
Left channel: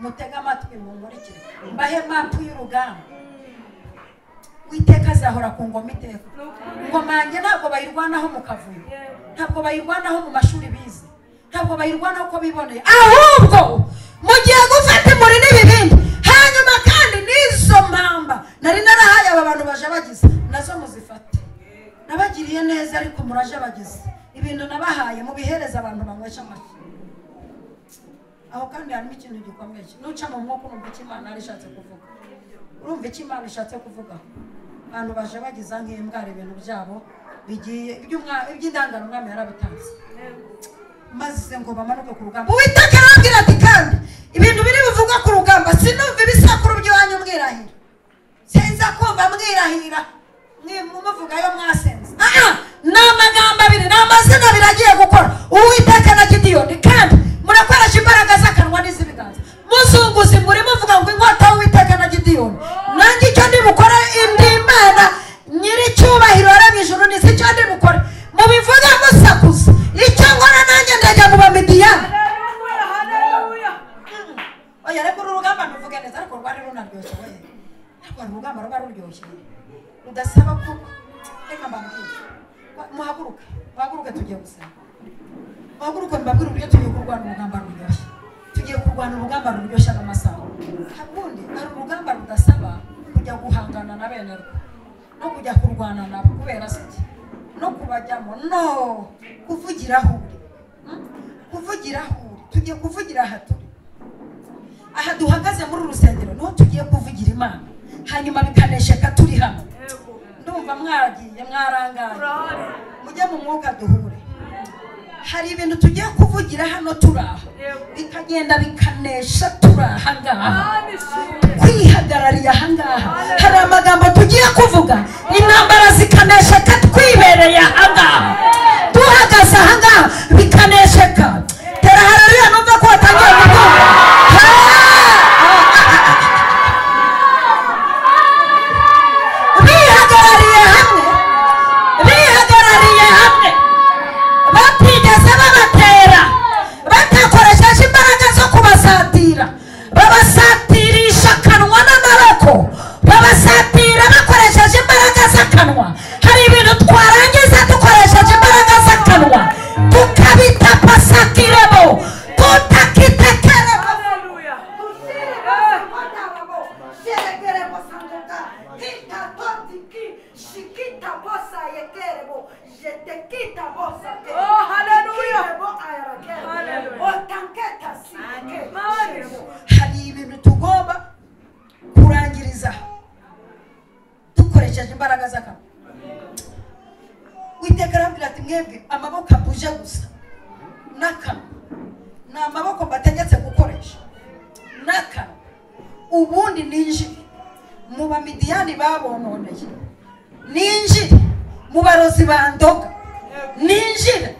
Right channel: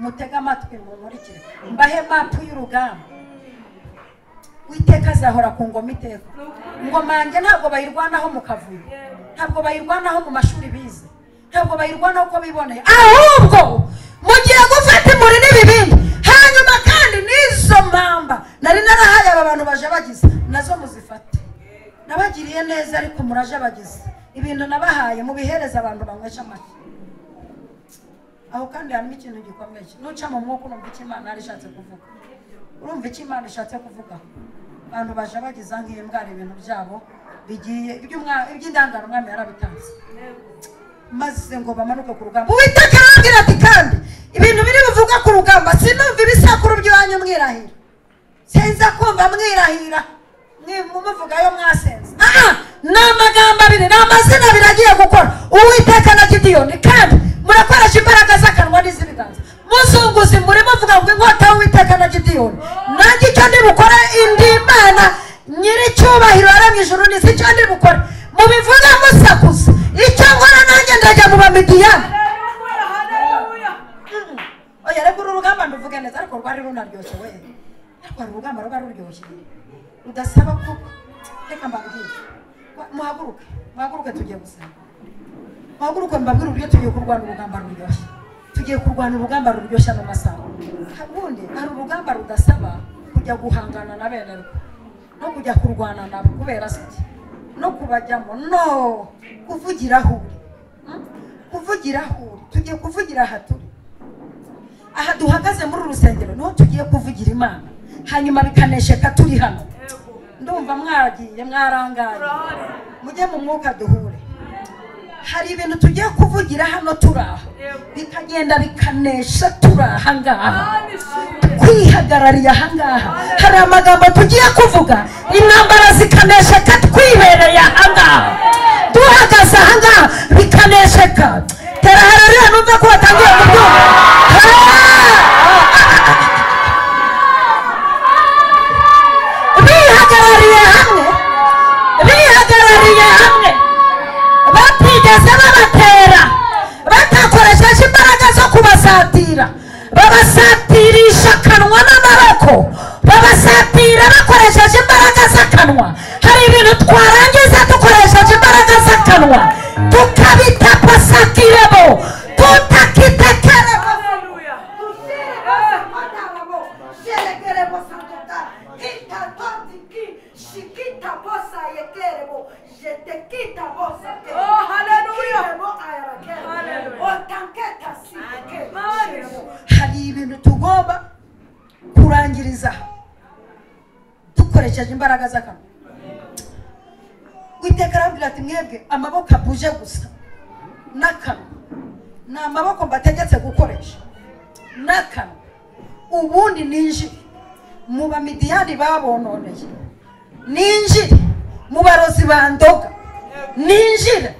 mutega amatwi mumurikire mbahe mapu y'urugamba Uwiteka azahora ku ngoma iteka ingoma yanjye ntabwo bayirwanaho mu kavuyo ntabwo bayirwanaho mu mashuri bize ntabwo bayirwanaho uko biboneye ahubwo mugiye gufata muri n'ibibindi hanyuma kandi n'izo mpamba nari narahaye aba bantu baje bagize nazo muzifate nabagiriye neza ariko muraje bagize ibintu nabahaye mu bihereza abantu bamwesha amashyi aho kandi harimo ikintu gikomeye nuca mu mwuka n'ubwo Imana arishatse kuvuga urumva icyo Imana ishatse kuvuga abantu baje bagize nk'imbwara ibintu byabo bigiye iby'indangano umwami yarabitanze maze ngo bamanuke ku rugamba Uwiteka arabwira ati kandi ibintu biri bivuga ku rugamba sinumva ibisakuru by'wanyu mwirahira sinza kumva mwirahira muvuga yo mwasenze ni amagambo abiri ni amazina abiri agiye gukora Uwiteka na Gideon kandi murakoresha imbaraga z'akanwa n'iz'ibiganza muzunguzi muri muvuga ngo inkota y'Uwiteka na Gideon nanjye icyo ndi bukora indi Imana nyiricyubahiro yaremye ijuru n'isi icyo ndi bukora mubivuga musakuza icyo nkora nanjye ndajya mu bamidiyani oya reka uru rugamba nduvuge neza ariko rwari runaryoshye ariko urugamba ruba ruryoshye rudasaba ko reka mbabwire muhaguruke tugiye gusa muhaguruke mbabwire uburyo tugiye kurwana urugamba ruryoshye tugiye kurwana urugamba ruryoshye n'amasaha ubundi hari urugamba rudasaba kujya guhangana na bene rwo no kujya kurwana nabo kubera siki no kubajyamo no kuvugiraho tugiye kuvugira aha duhagaze muri rusengero no tugiye kuvugira Imana hanyuma bikanesheka turi hano ndumva mwagiye mwarangara mujye mu mwuka duhure hari ibintu tugiye kuvugira hano turaha bikagenda bikanesha turaha ngaha kwihagarariye aha ngaha hari amagambo tugiye kuvuga intambara zikanesheka twibereye aha ngaha duhagaze aha ngaha bikanesheka teraharariye numva ko watangiye babasatirisha akanwa n'amaboko babasatira bakoresheje imbaraga z'akanwa hari ibintu twarangiza dukoresheje imbaraga z'akanwa tukabita pasakiremo tutakitekeremo hari ibintu tugomba kurangiriza dukoresheje imbaraga z'akanwa uwiteka arambwira ati mwebwe amaboko abuje gusa n'akanwa ni amaboko mbategetse gukoresha n'akanwa ubundi ninjire mu bamidiyani babononeye ninjire mu barozi bandoga ninjire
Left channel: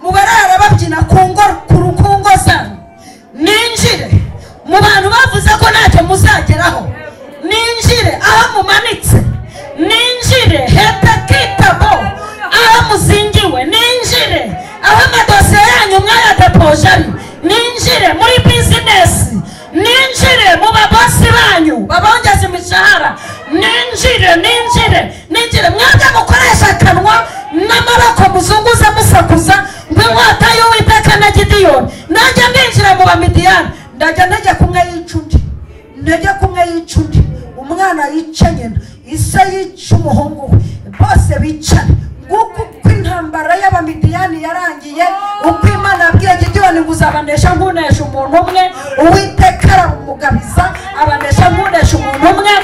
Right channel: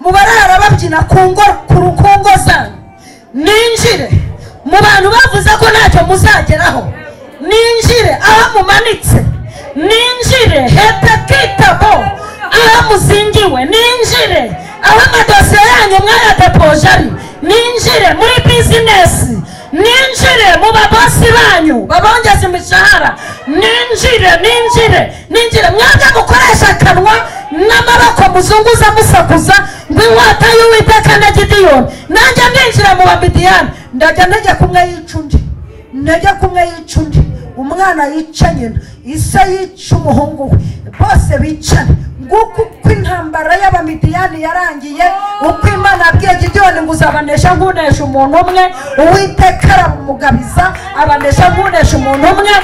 mu barara babyina ku ngo zanyu ninjire mu bantu bavuze ko ntacyo muzageraho ninjire aho mumanitse ninjire hetakitabo aho muzingiwe ninjire aho amadosiye yanyu mwayatapoje ari ninjire muri bizinesi ninjire mu babosi banyu babongeza imishahara ninjire mwajya gukoresha akanwa n'amaboko muzunguza musakuza nk'inkota y'uwiteka na gidiyoni najya ninjira mu bamidiyani ndajya najya kumwe yica undi umwana yica nyina isa yica umuhungu we bose bicana nguko uko intambara y'abamidiyani yarangiye uko imana yabwiye gidiyoni ngo uzabanesha ngunesha umuntu umwe uwiteka aramugabiza abanesha ngunesha umuntu umwe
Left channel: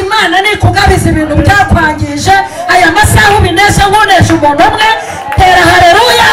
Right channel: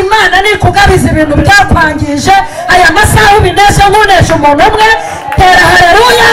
imana nikugabiza ibintu byakwangije aya masaha ubinesha ngunesha umuntu umwe tera haleluya